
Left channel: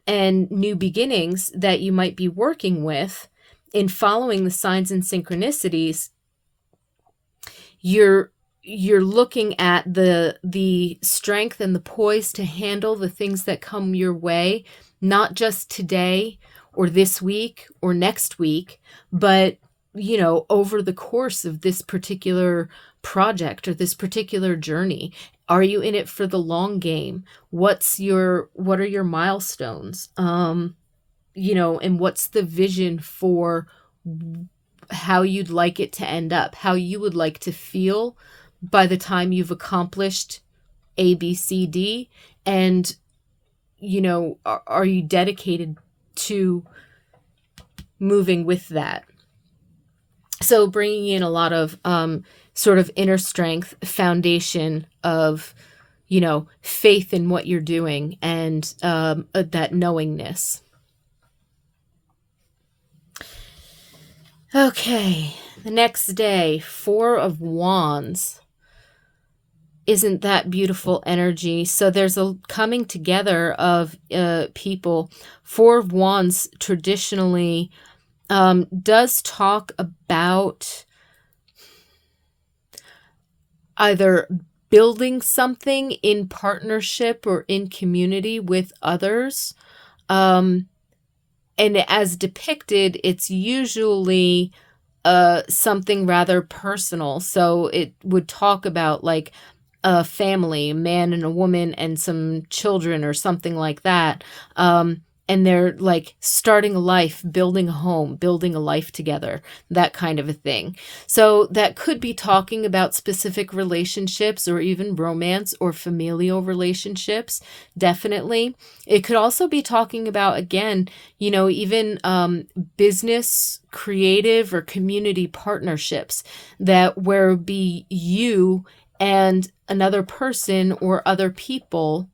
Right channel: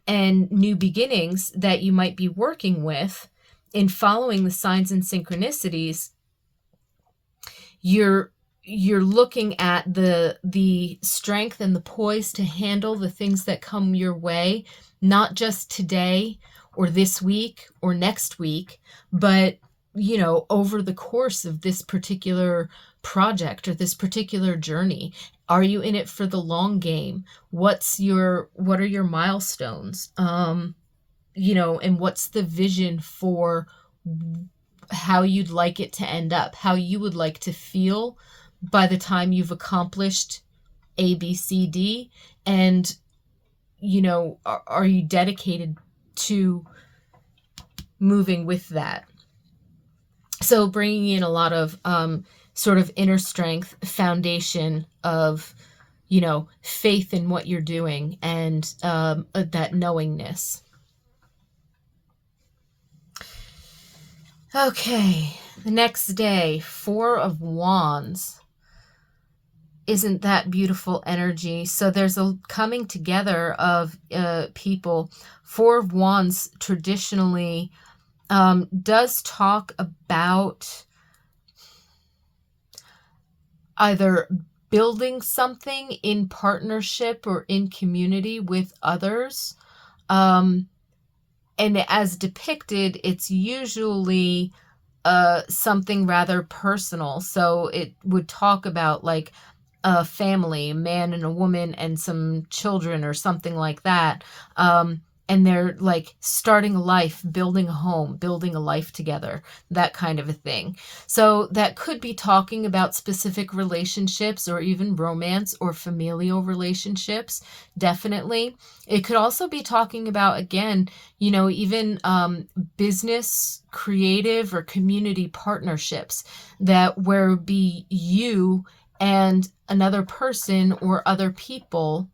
and new beginnings that you might be working with in following the signs and synchronicities, you're looking at the strength and the poise to handle the things that come your way, not just today or this week or next week, but over the course of this particular project or this particular journey? Are you in it for the long game? What are your milestones? And what's the vision for how you'd like it to end up, how you would like to feel by the time you've accomplished A, B, C, D? And, are you dedicated to moving with that? So bringing in a lot of sort of inner strength, foundation of, faith in what you're doing, and that knowingness. Okay, the next day, 4 of Wands. Isn't that beautiful energy? So there's a coming together of people. 4 of Wands traditionally does talk about either building something in partnership or in community with others. And as depicted, it's usually something rather personal. So it would talk about like a family, a man and a woman and some children or something like that. And they're like starting a life, building a home, building a life together, that kind of a thing. So that could be talking about specific relationships or even romance or familial relationships, definitely. It could also be talking about, again, even business, creative, or community partnerships that where be you and another person or other people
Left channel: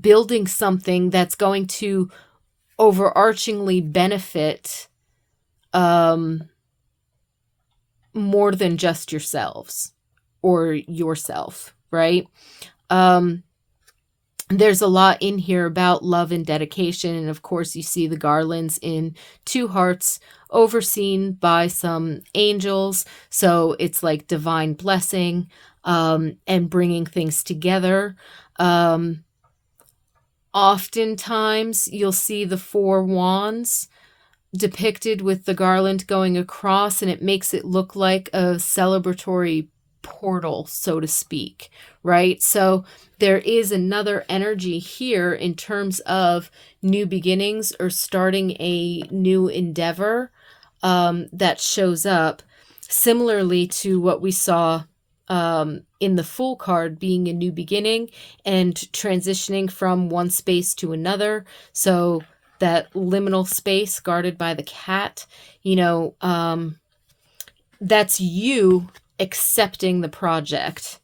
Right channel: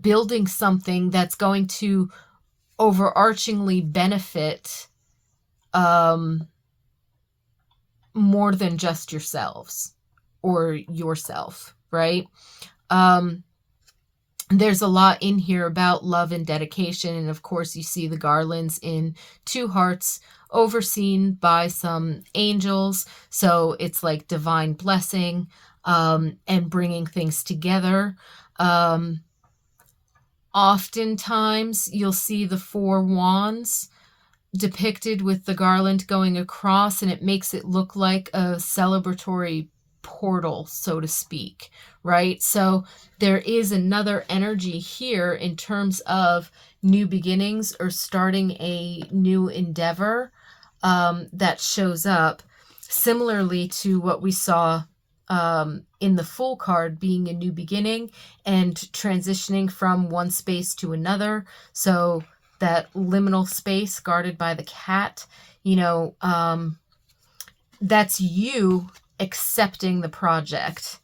building something that's going to overarchingly benefit more than just yourselves or yourself, right? There's a lot in here about love and dedication. And of course, you see the garlands in 2 hearts overseen by some angels. So it's like divine blessing and bringing things together. Oftentimes, you'll see the 4 wands depicted with the garland going across, and it makes it look like a celebratory portal, so to speak, right? So there is another energy here in terms of new beginnings or starting a new endeavor that shows up, similarly to what we saw in the Fool card, being a new beginning and transitioning from one space to another. So that liminal space guarded by the cat, that's you accepting the project.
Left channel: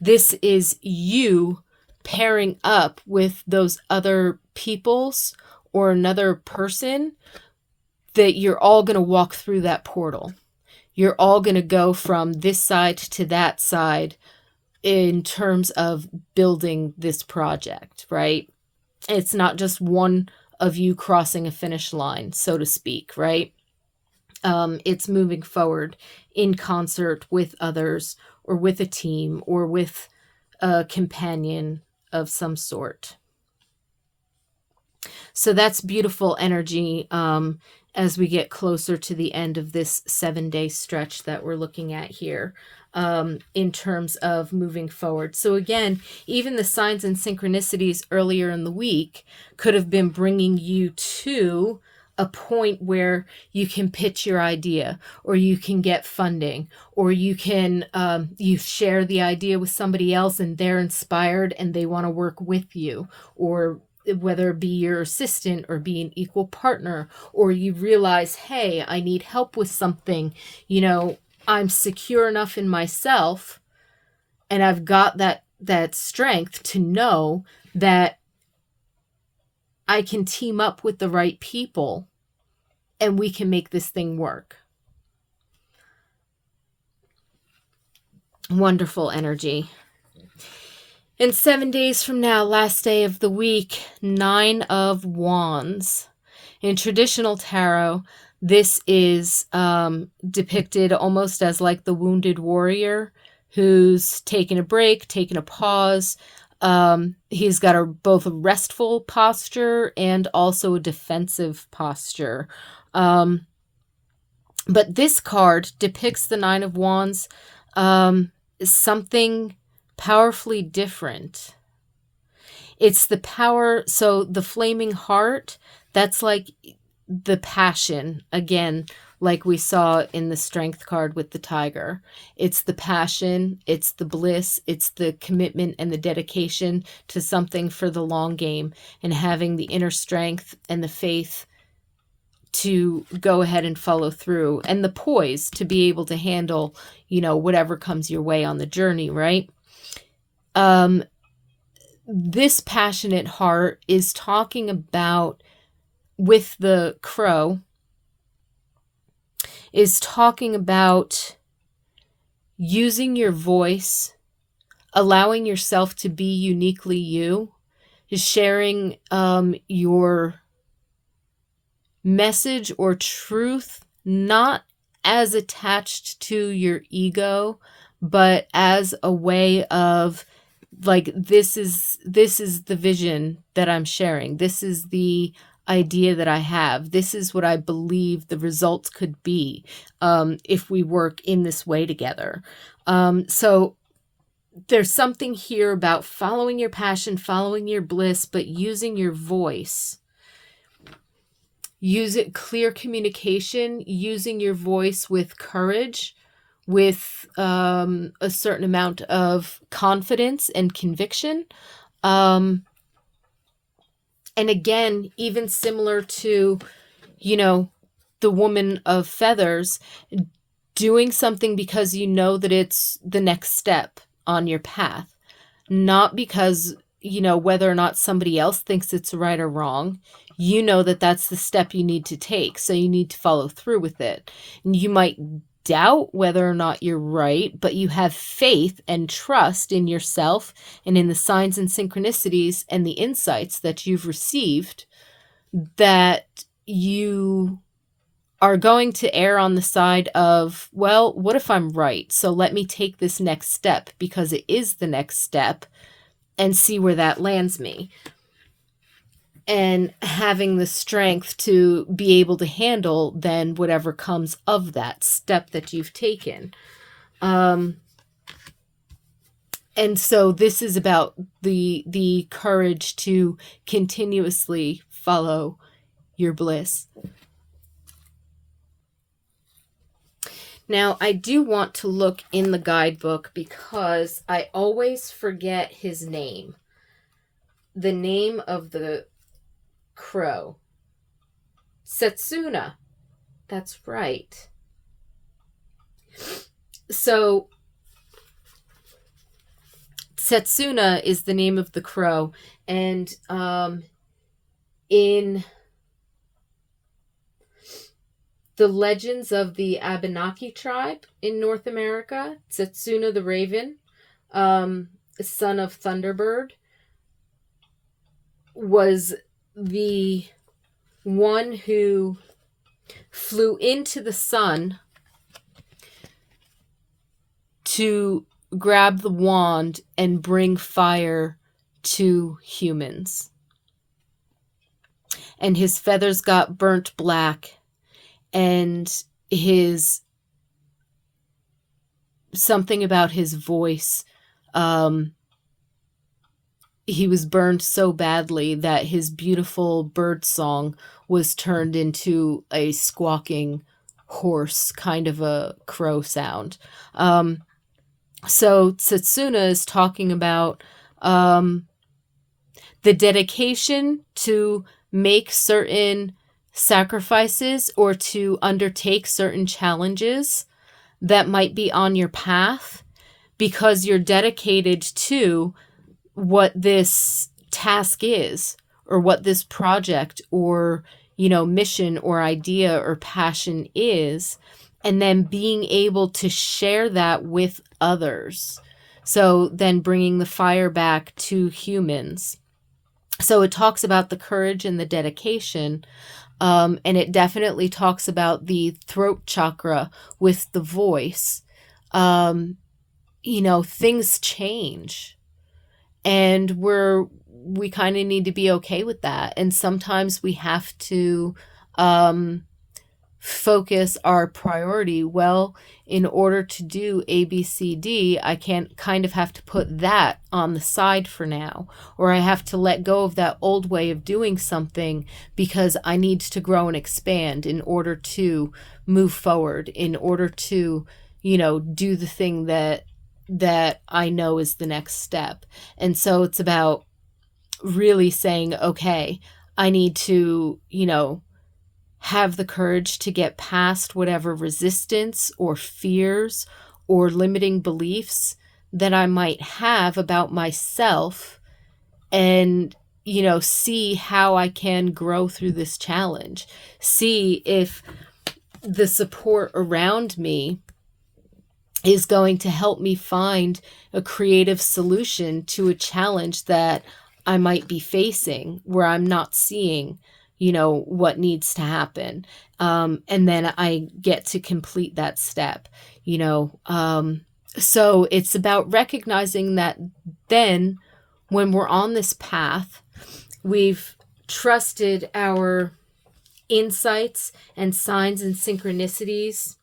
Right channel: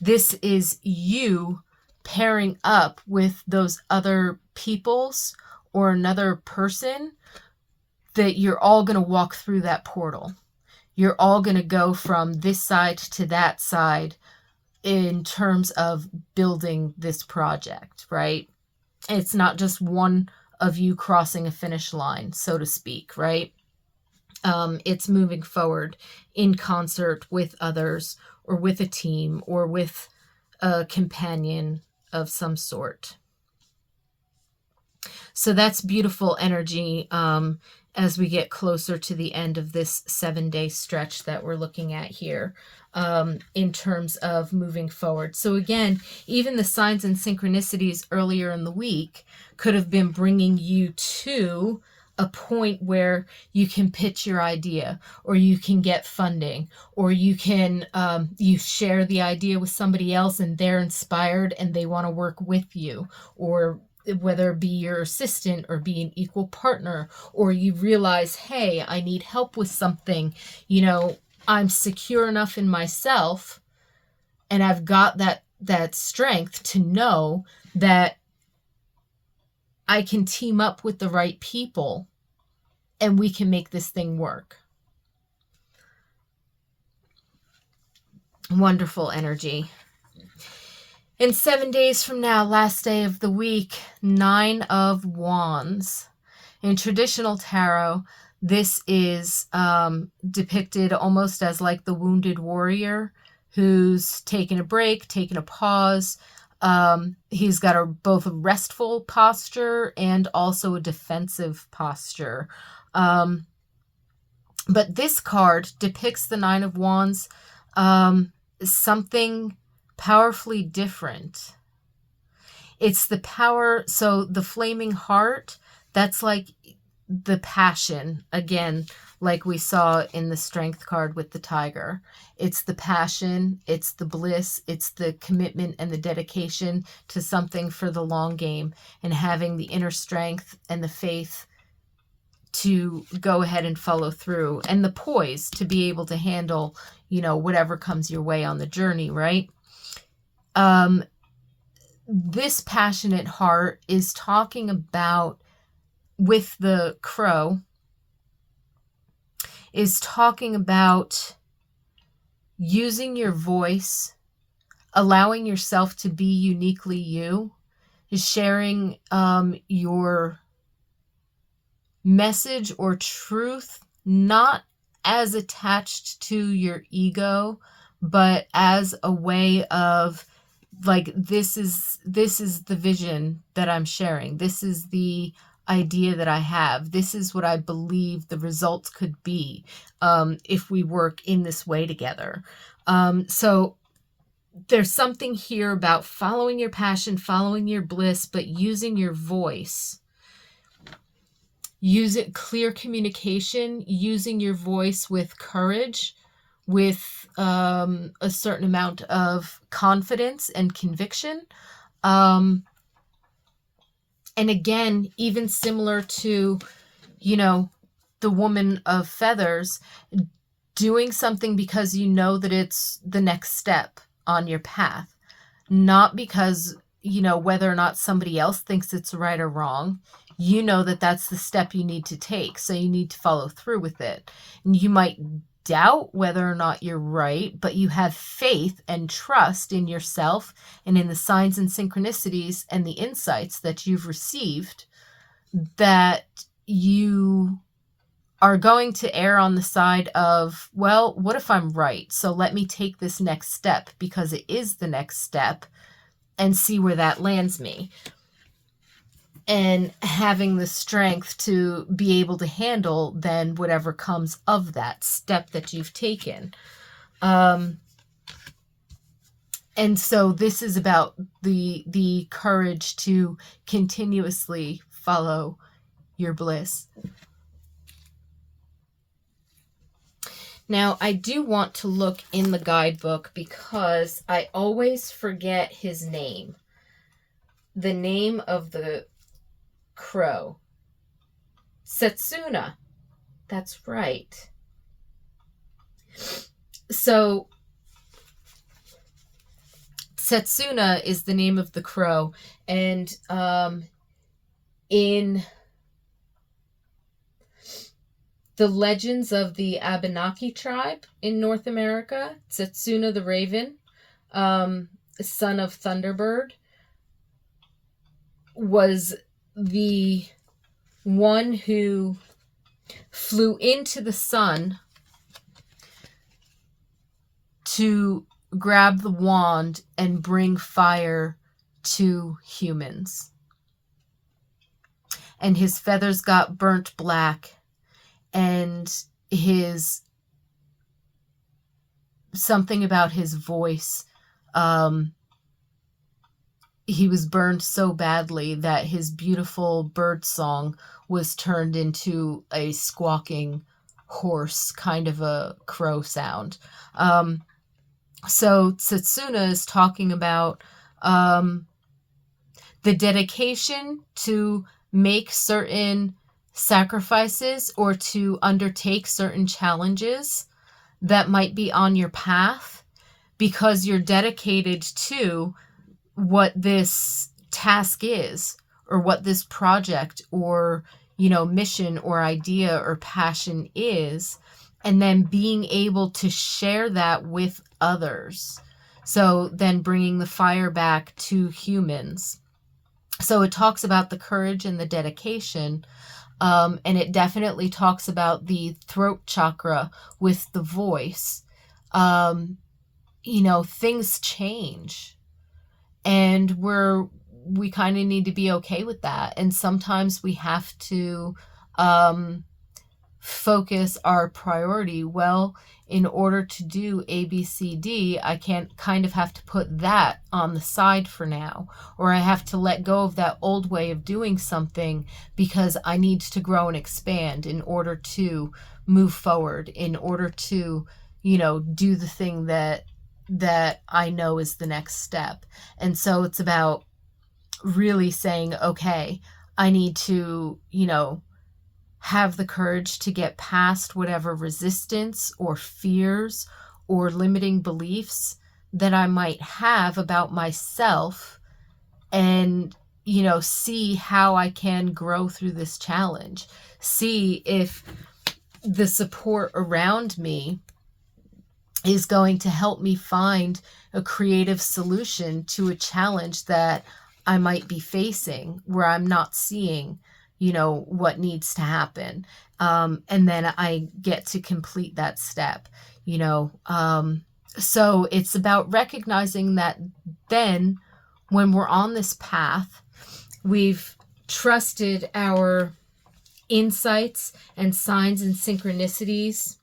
This is you pairing up with those other peoples or another person that you're all going to walk through that portal. You're all going to go from this side to that side in terms of building this project, right? It's not just one of you crossing a finish line, so to speak, right? It's moving forward in concert with others or with a team or with a companion of some sort. So that's beautiful energy as we get closer to the end of this 7-day stretch that we're looking at here in terms of moving forward. So again, even the signs and synchronicities earlier in the week could have been bringing you to a point where you can pitch your idea, or you can get funding, or you can you share the idea with somebody else and they're inspired and they want to work with you, or whether it be your assistant or be an equal partner, or you realize, hey, I need help with something, I'm secure enough in myself and I've got that strength to know that I can team up with the right people and we can make this thing work. Wonderful energy. And 7 days from now, last day of the week, 9 of Wands. In traditional tarot, this is depicted almost as like the wounded warrior who's taken a break, taken a pause, He's got both a restful posture and also a defensive posture. Um, but this card depicts the Nine of Wands, something powerfully different. It's the power, so the flaming heart, that's like the passion, again, like we saw in the strength card with the tiger. It's the passion, it's the bliss, it's the commitment and the dedication to something for the long game, and having the inner strength and the faith to go ahead and follow through, and the poise to be able to handle, whatever comes your way on the journey, right? This passionate heart is talking about, with the crow, is talking about using your voice, allowing yourself to be uniquely you, sharing your message or truth, not as attached to your ego, but as a way of, like, this is the vision that I'm sharing. This is the idea that I have. This is what I believe the results could be if we work in this way together. So there's something here about following your passion, following your bliss, but using your voice. Use it, clear communication, using your voice with courage, with a certain amount of confidence and conviction. And again, even similar to, the woman of feathers, doing something because you know that it's the next step on your path, not because, whether or not somebody else thinks it's right or wrong. That that's the step you need to take, so you need to follow through with it. And you might doubt whether or not you're right, but you have faith and trust in yourself and in the signs and synchronicities and the insights that you've received, that you are going to err on the side of, well, what if I'm right? So let me take this next step because it is the next step and see where that lands me. And having the strength to be able to handle then whatever comes of that step that you've taken. And so this is about the courage to continuously follow your bliss. Now, I do want to look in the guidebook because I always forget his name. The name of the crow. Tsesuna. That's right. So Tsesuna is the name of the crow, and in the legends of the Abenaki tribe in North America, Tsesuna the raven, son of Thunderbird, was the one who flew into the sun to grab the wand and bring fire to humans. And his feathers got burnt black, and something about his voice, he was burned so badly that his beautiful bird song was turned into a squawking, hoarse kind of a crow sound. So Tsesuna is talking about the dedication to make certain sacrifices or to undertake certain challenges that might be on your path because you're dedicated to what this task is, or what this project or, mission or idea or passion is, and then being able to share that with others. So then bringing the fire back to humans. So it talks about the courage and the dedication, and it definitely talks about the throat chakra with the voice. Things change. And we kind of need to be okay with that. And sometimes we have to focus our priority. Well, in order to do A, B, C, D, I can't kind of have to put that on the side for now, or I have to let go of that old way of doing something because I need to grow and expand in order to move forward, in order to, do the thing that I know is the next step. And so it's about really saying, okay, I need to, have the courage to get past whatever resistance or fears or limiting beliefs that I might have about myself, and, see how I can grow through this challenge. See if the support around me is going to help me find a creative solution to a challenge that I might be facing where I'm not seeing what needs to happen. And then I get to complete that step, so it's about recognizing that then when we're on this path, we've trusted our insights and signs and synchronicities.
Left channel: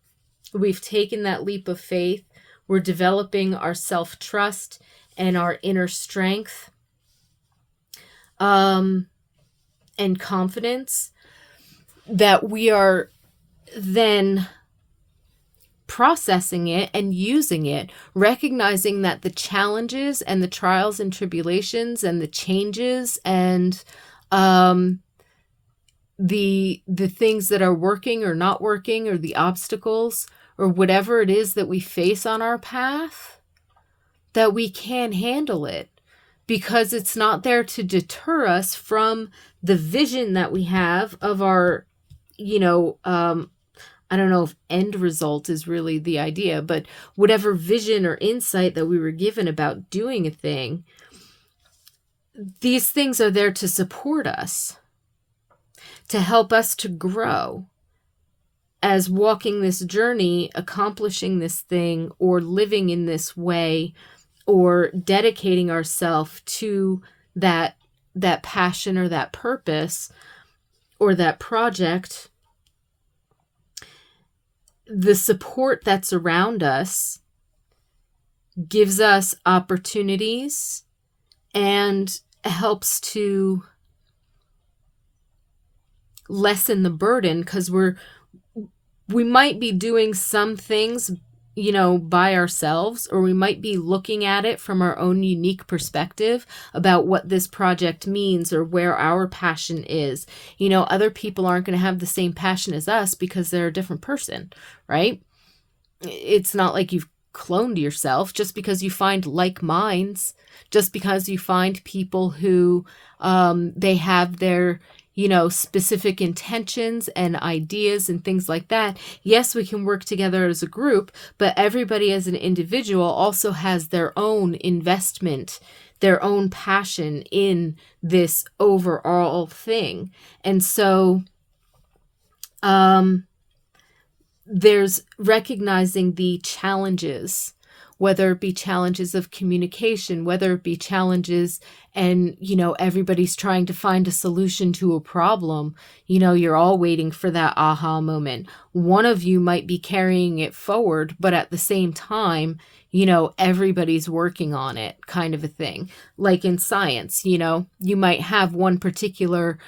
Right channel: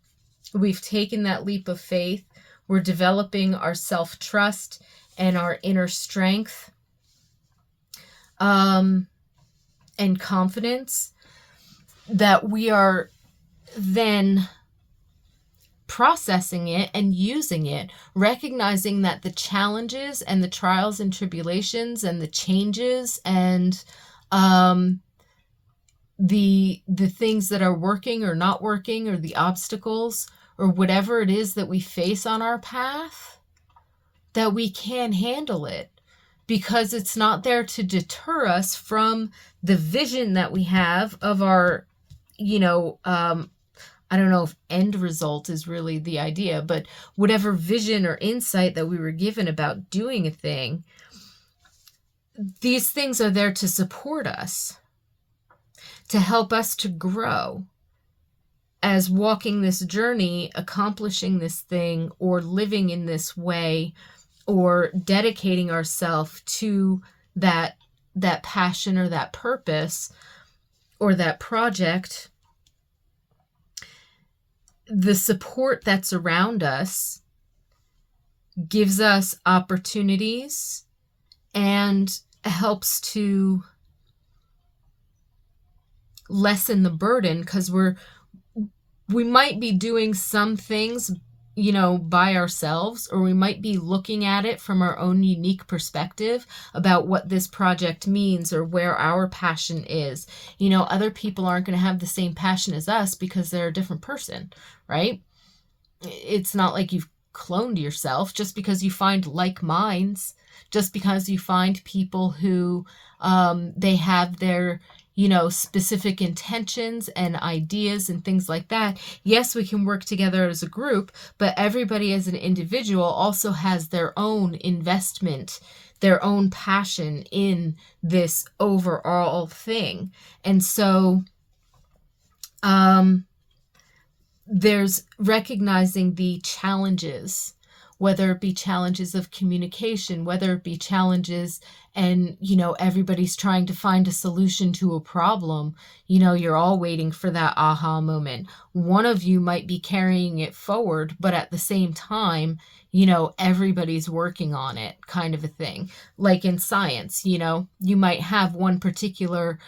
We've taken that leap of faith. We're developing our self-trust and our inner strength. And confidence, that we are then processing it and using it, recognizing that the challenges and the trials and tribulations and the changes and the things that are working or not working, or the obstacles or whatever it is that we face on our path, that we can handle it, because it's not there to deter us from the vision that we have of our, I don't know if end result is really the idea, but whatever vision or insight that we were given about doing a thing, these things are there to support us, to help us to grow as walking this journey, accomplishing this thing, or living in this way, or dedicating ourselves to that passion or that purpose or that project. The support that's around us gives us opportunities and helps to lessen the burden, because we might be doing some things by ourselves, or we might be looking at it from our own unique perspective about what this project means or where our passion is. Other people aren't going to have the same passion as us because they're a different person, right? It's not like you've cloned yourself. Just because you find like minds, just because you find people who they have their specific intentions and ideas and things like that. Yes, we can work together as a group, but everybody as an individual also has their own investment, their own passion in this overall thing. And so there's recognizing the challenges, whether it be challenges of communication, whether it be challenges and, everybody's trying to find a solution to a problem. You're all waiting for that aha moment. One of you might be carrying it forward, but at the same time, everybody's working on it, kind of a thing. Like in science, you might have one particular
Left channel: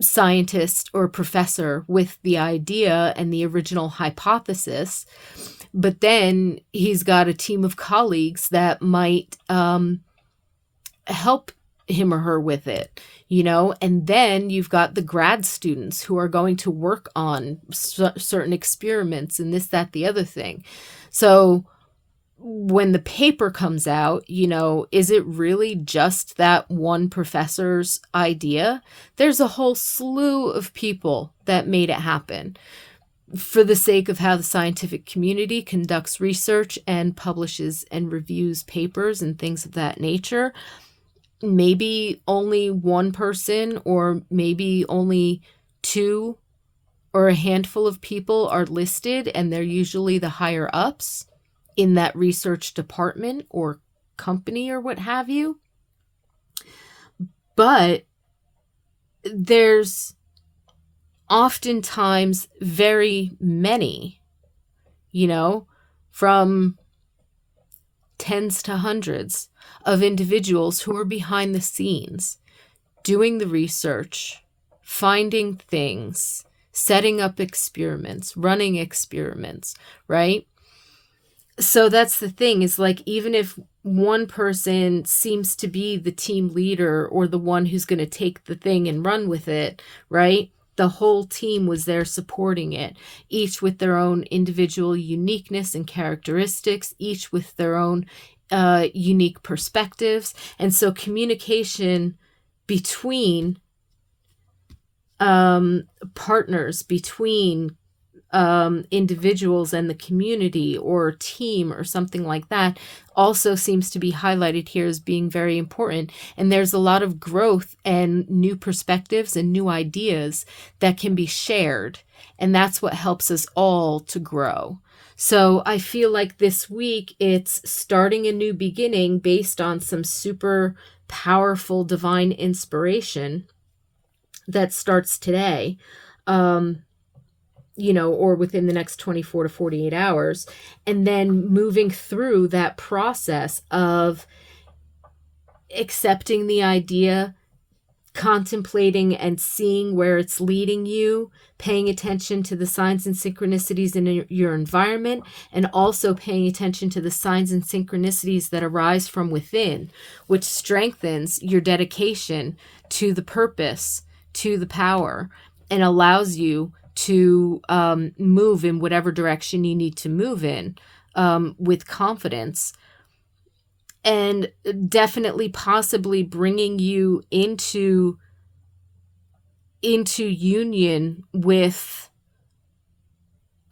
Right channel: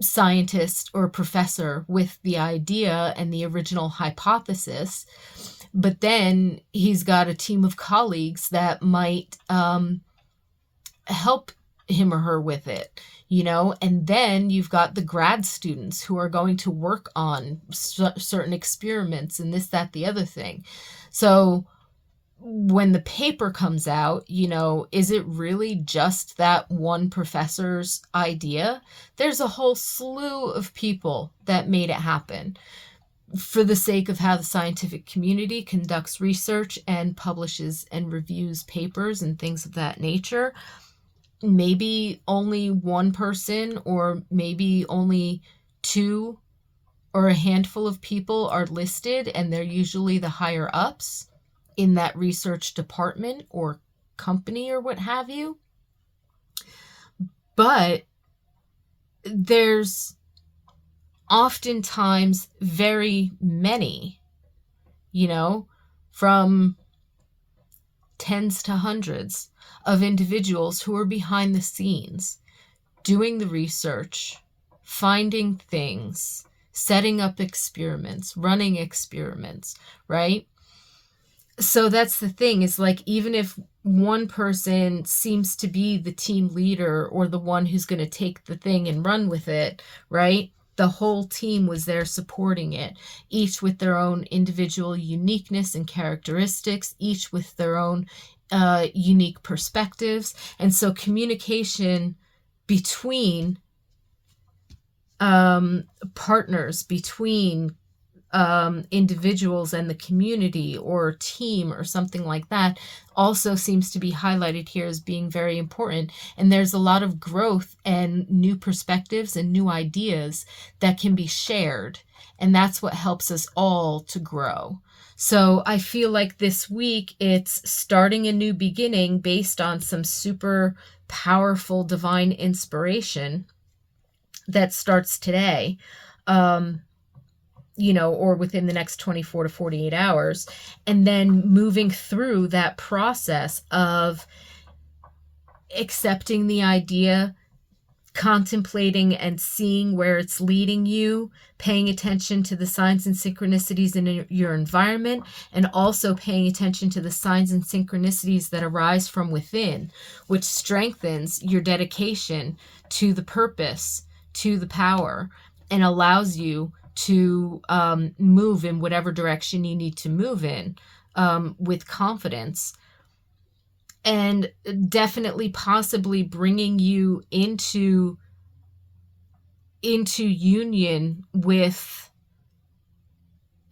scientist or professor with the idea and the original hypothesis, but then he's got a team of colleagues that might help him or her with it, and then you've got the grad students who are going to work on certain experiments and this, that, the other thing. So when the paper comes out, is it really just that one professor's idea? There's a whole slew of people that made it happen for the sake of how the scientific community conducts research and publishes and reviews papers and things of that nature. Maybe only one person, or maybe only two or a handful of people are listed, and they're usually the higher ups in that research department or company or what have you. But there's oftentimes very many, from tens to hundreds of individuals who are behind the scenes doing the research, finding things, setting up experiments, running experiments, right? So that's the thing, is like, even if one person seems to be the team leader or the one who's going to take the thing and run with it, right? The whole team was there supporting it, each with their own individual uniqueness and characteristics, each with their own unique perspectives. And so communication between partners, between individuals and the community or team or something like that, also seems to be highlighted here as being very important. And there's a lot of growth and new perspectives and new ideas that can be shared. And that's what helps us all to grow. So I feel like this week it's starting a new beginning based on some super powerful divine inspiration that starts today. Or within the next 24 to 48 hours, and then moving through that process of accepting the idea, contemplating and seeing where it's leading you, paying attention to the signs and synchronicities in your environment, and also paying attention to the signs and synchronicities that arise from within, which strengthens your dedication to the purpose, to the power, and allows you to move in whatever direction you need to move in with confidence, and definitely possibly bringing you into union with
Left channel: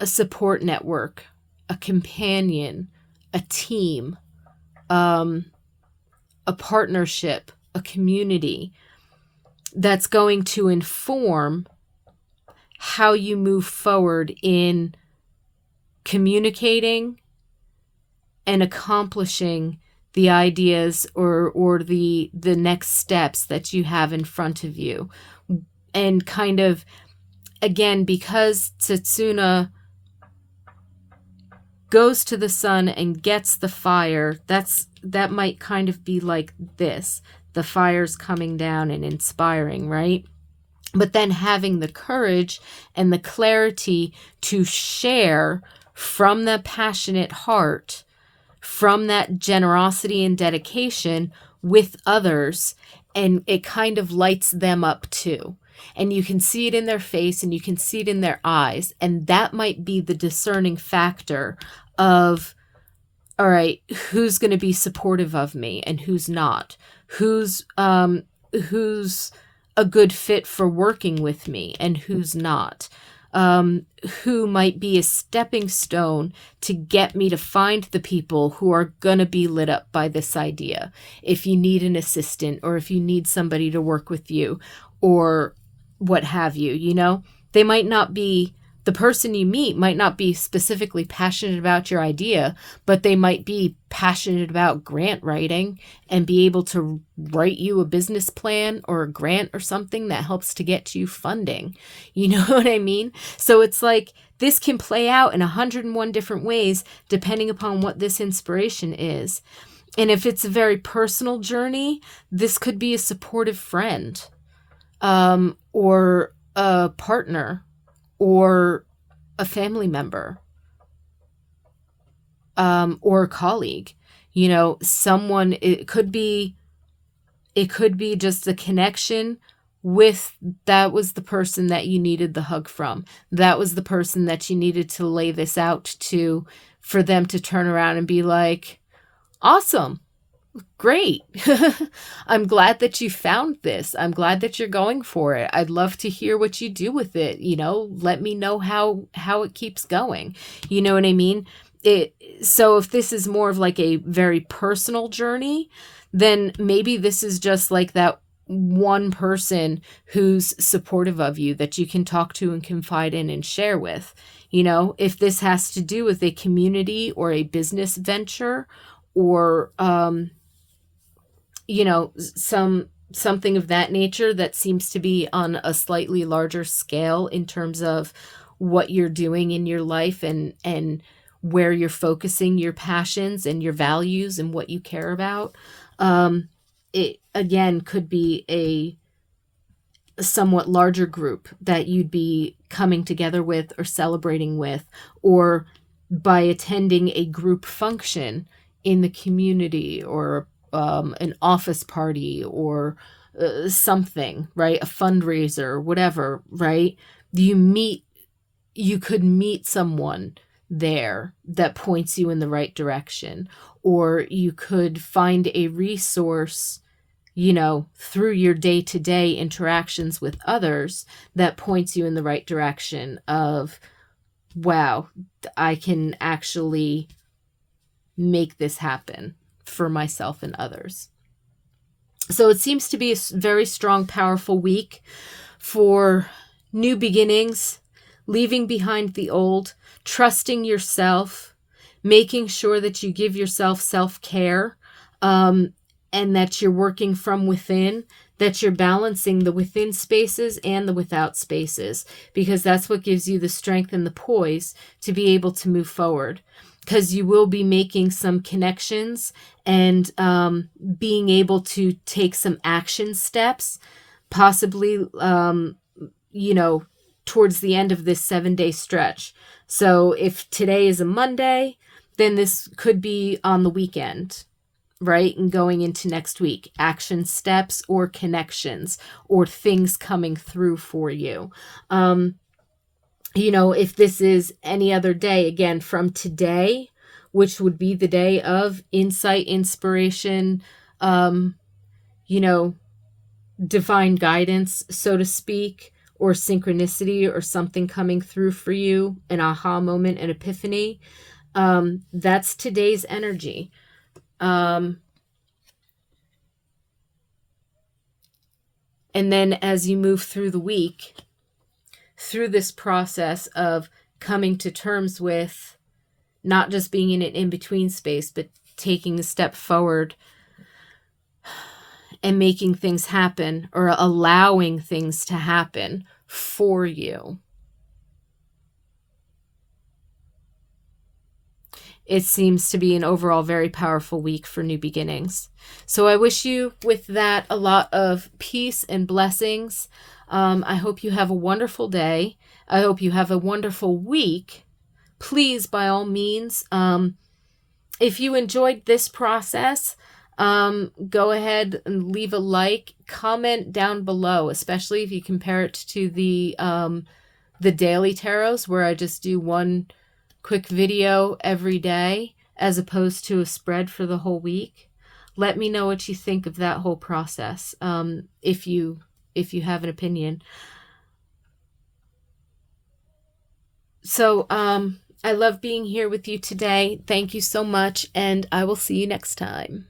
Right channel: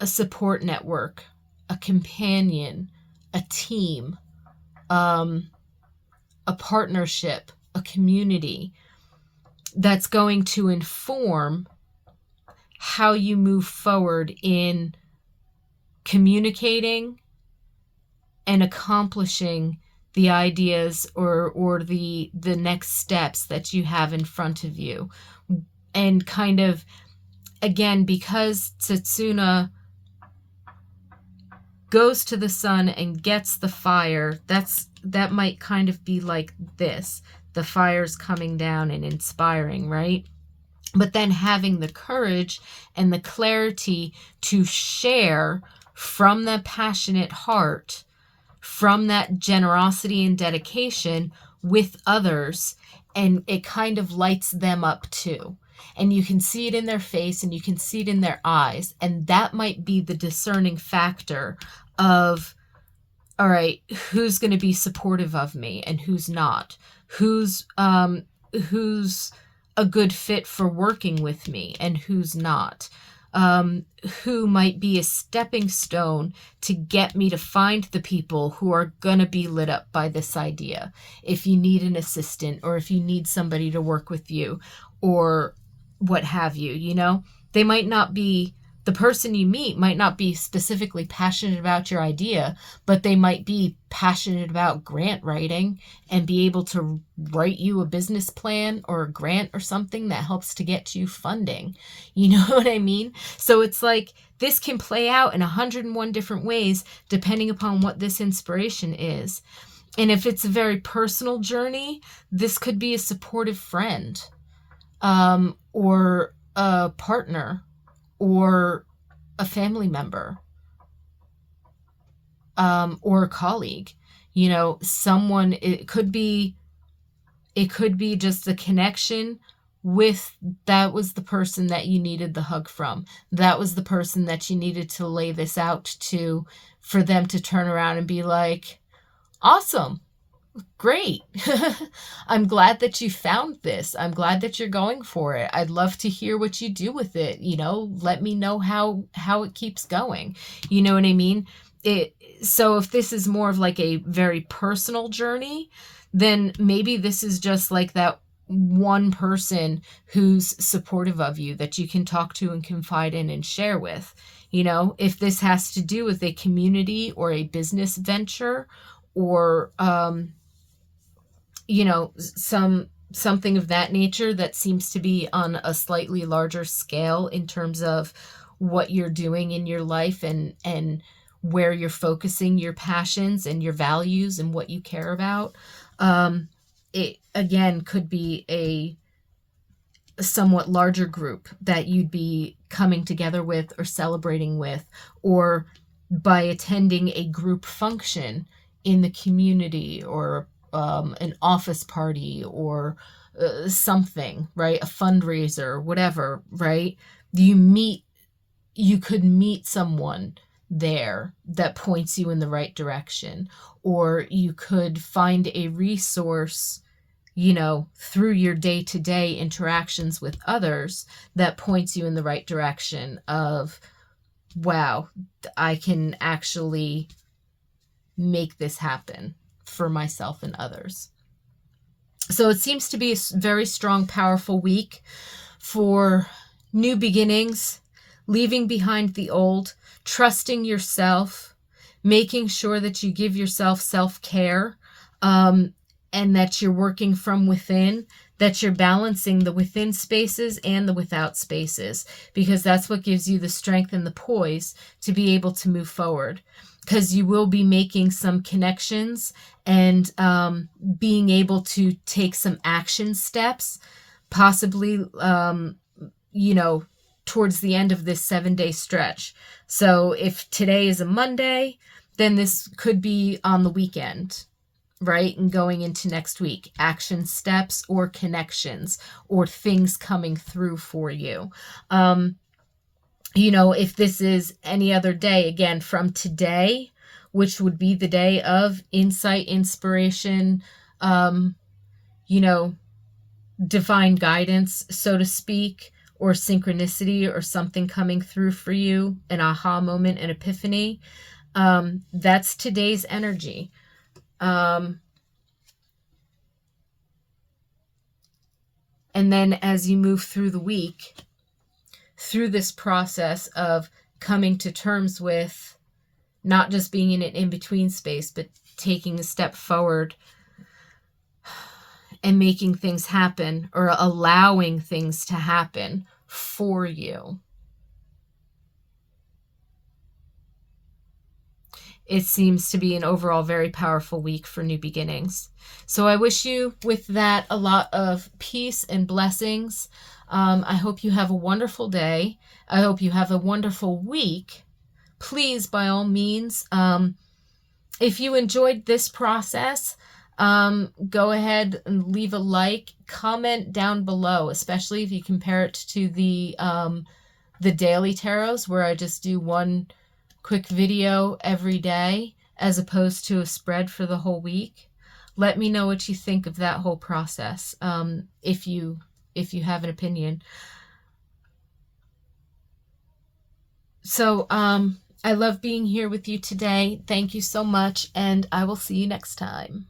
a support network, a companion, a team, a partnership, a community that's going to inform how you move forward in communicating and accomplishing the ideas or the next steps that you have in front of you. And kind of, again, because Tsesuna goes to the sun and gets the fire, that might kind of be like this. The fire's coming down and inspiring, right? But then having the courage and the clarity to share from the passionate heart, from that generosity and dedication with others, and it kind of lights them up too. And you can see it in their face and you can see it in their eyes. And that might be the discerning factor of, all right, who's going to be supportive of me and who's not? Who's a good fit for working with me and who's not? Who might be a stepping stone to get me to find the people who are going to be lit up by this idea. If you need an assistant or if you need somebody to work with you or what have you, they might not be, the person you meet might not be specifically passionate about your idea, but they might be passionate about grant writing and be able to write you a business plan or a grant or something that helps to get you funding. You know what I mean? So it's like this can play out in 101 different ways depending upon what this inspiration is. And if it's a very personal journey, this could be a supportive friend, or a partner, or a family member, or a colleague, someone. It could be just a connection with, that was the person that you needed the hug from. That was the person that you needed to lay this out to, for them to turn around and be like, awesome. Great. I'm glad that you found this. I'm glad that you're going for it. I'd love to hear what you do with it. Let me know how it keeps going. You know what I mean? So if this is more of like a very personal journey, then maybe this is just like that one person who's supportive of you that you can talk to and confide in and share with. If this has to do with a community or a business venture or you know, something of that nature that seems to be on a slightly larger scale in terms of what you're doing in your life, and where you're focusing your passions and your values and what you care about. It again could be a somewhat larger group that you'd be coming together with or celebrating with, or by attending a group function in the community, or an office party, or something, right? A fundraiser, whatever, right? You meet, you could meet someone there that points you in the right direction, or you could find a resource, you know, through your day-to-day interactions with others that points you in the right direction of, wow, I can actually make this happen for myself and others. So it seems to be a very strong, powerful week for new beginnings, leaving behind the old, trusting yourself, making sure that you give yourself self-care, and that you're working from within, that you're balancing the within spaces and the without spaces, because that's what gives you the strength and the poise to be able to move forward. Because you will be making some connections and being able to take some action steps, possibly, you know, towards the end of this 7-day stretch. So if today is a Monday, then this could be on the weekend, right? And going into next week, action steps or connections or things coming through for you. You know, if this is any other day, again, from today, which would be the day of insight, inspiration, you know, divine guidance, so to speak, or synchronicity or something coming through for you, an aha moment, an epiphany, that's today's energy. And then as you move through the week, through this process of coming to terms with not just being in an in-between space, but taking a step forward and making things happen, or allowing things to happen for you. It seems to be an overall very powerful week for new beginnings. So I wish you with that a lot of peace and blessings. I hope you have a wonderful day. I hope you have a wonderful week. Please, by all means, if you enjoyed this process, go ahead and leave a like, comment down below, especially if you compare it to the daily tarots, where I just do one quick video every day as opposed to a spread for the whole week. Let me know what you think of that whole process, if you have an opinion. So I love being here with you today. Thank you so much, and I will see you next time.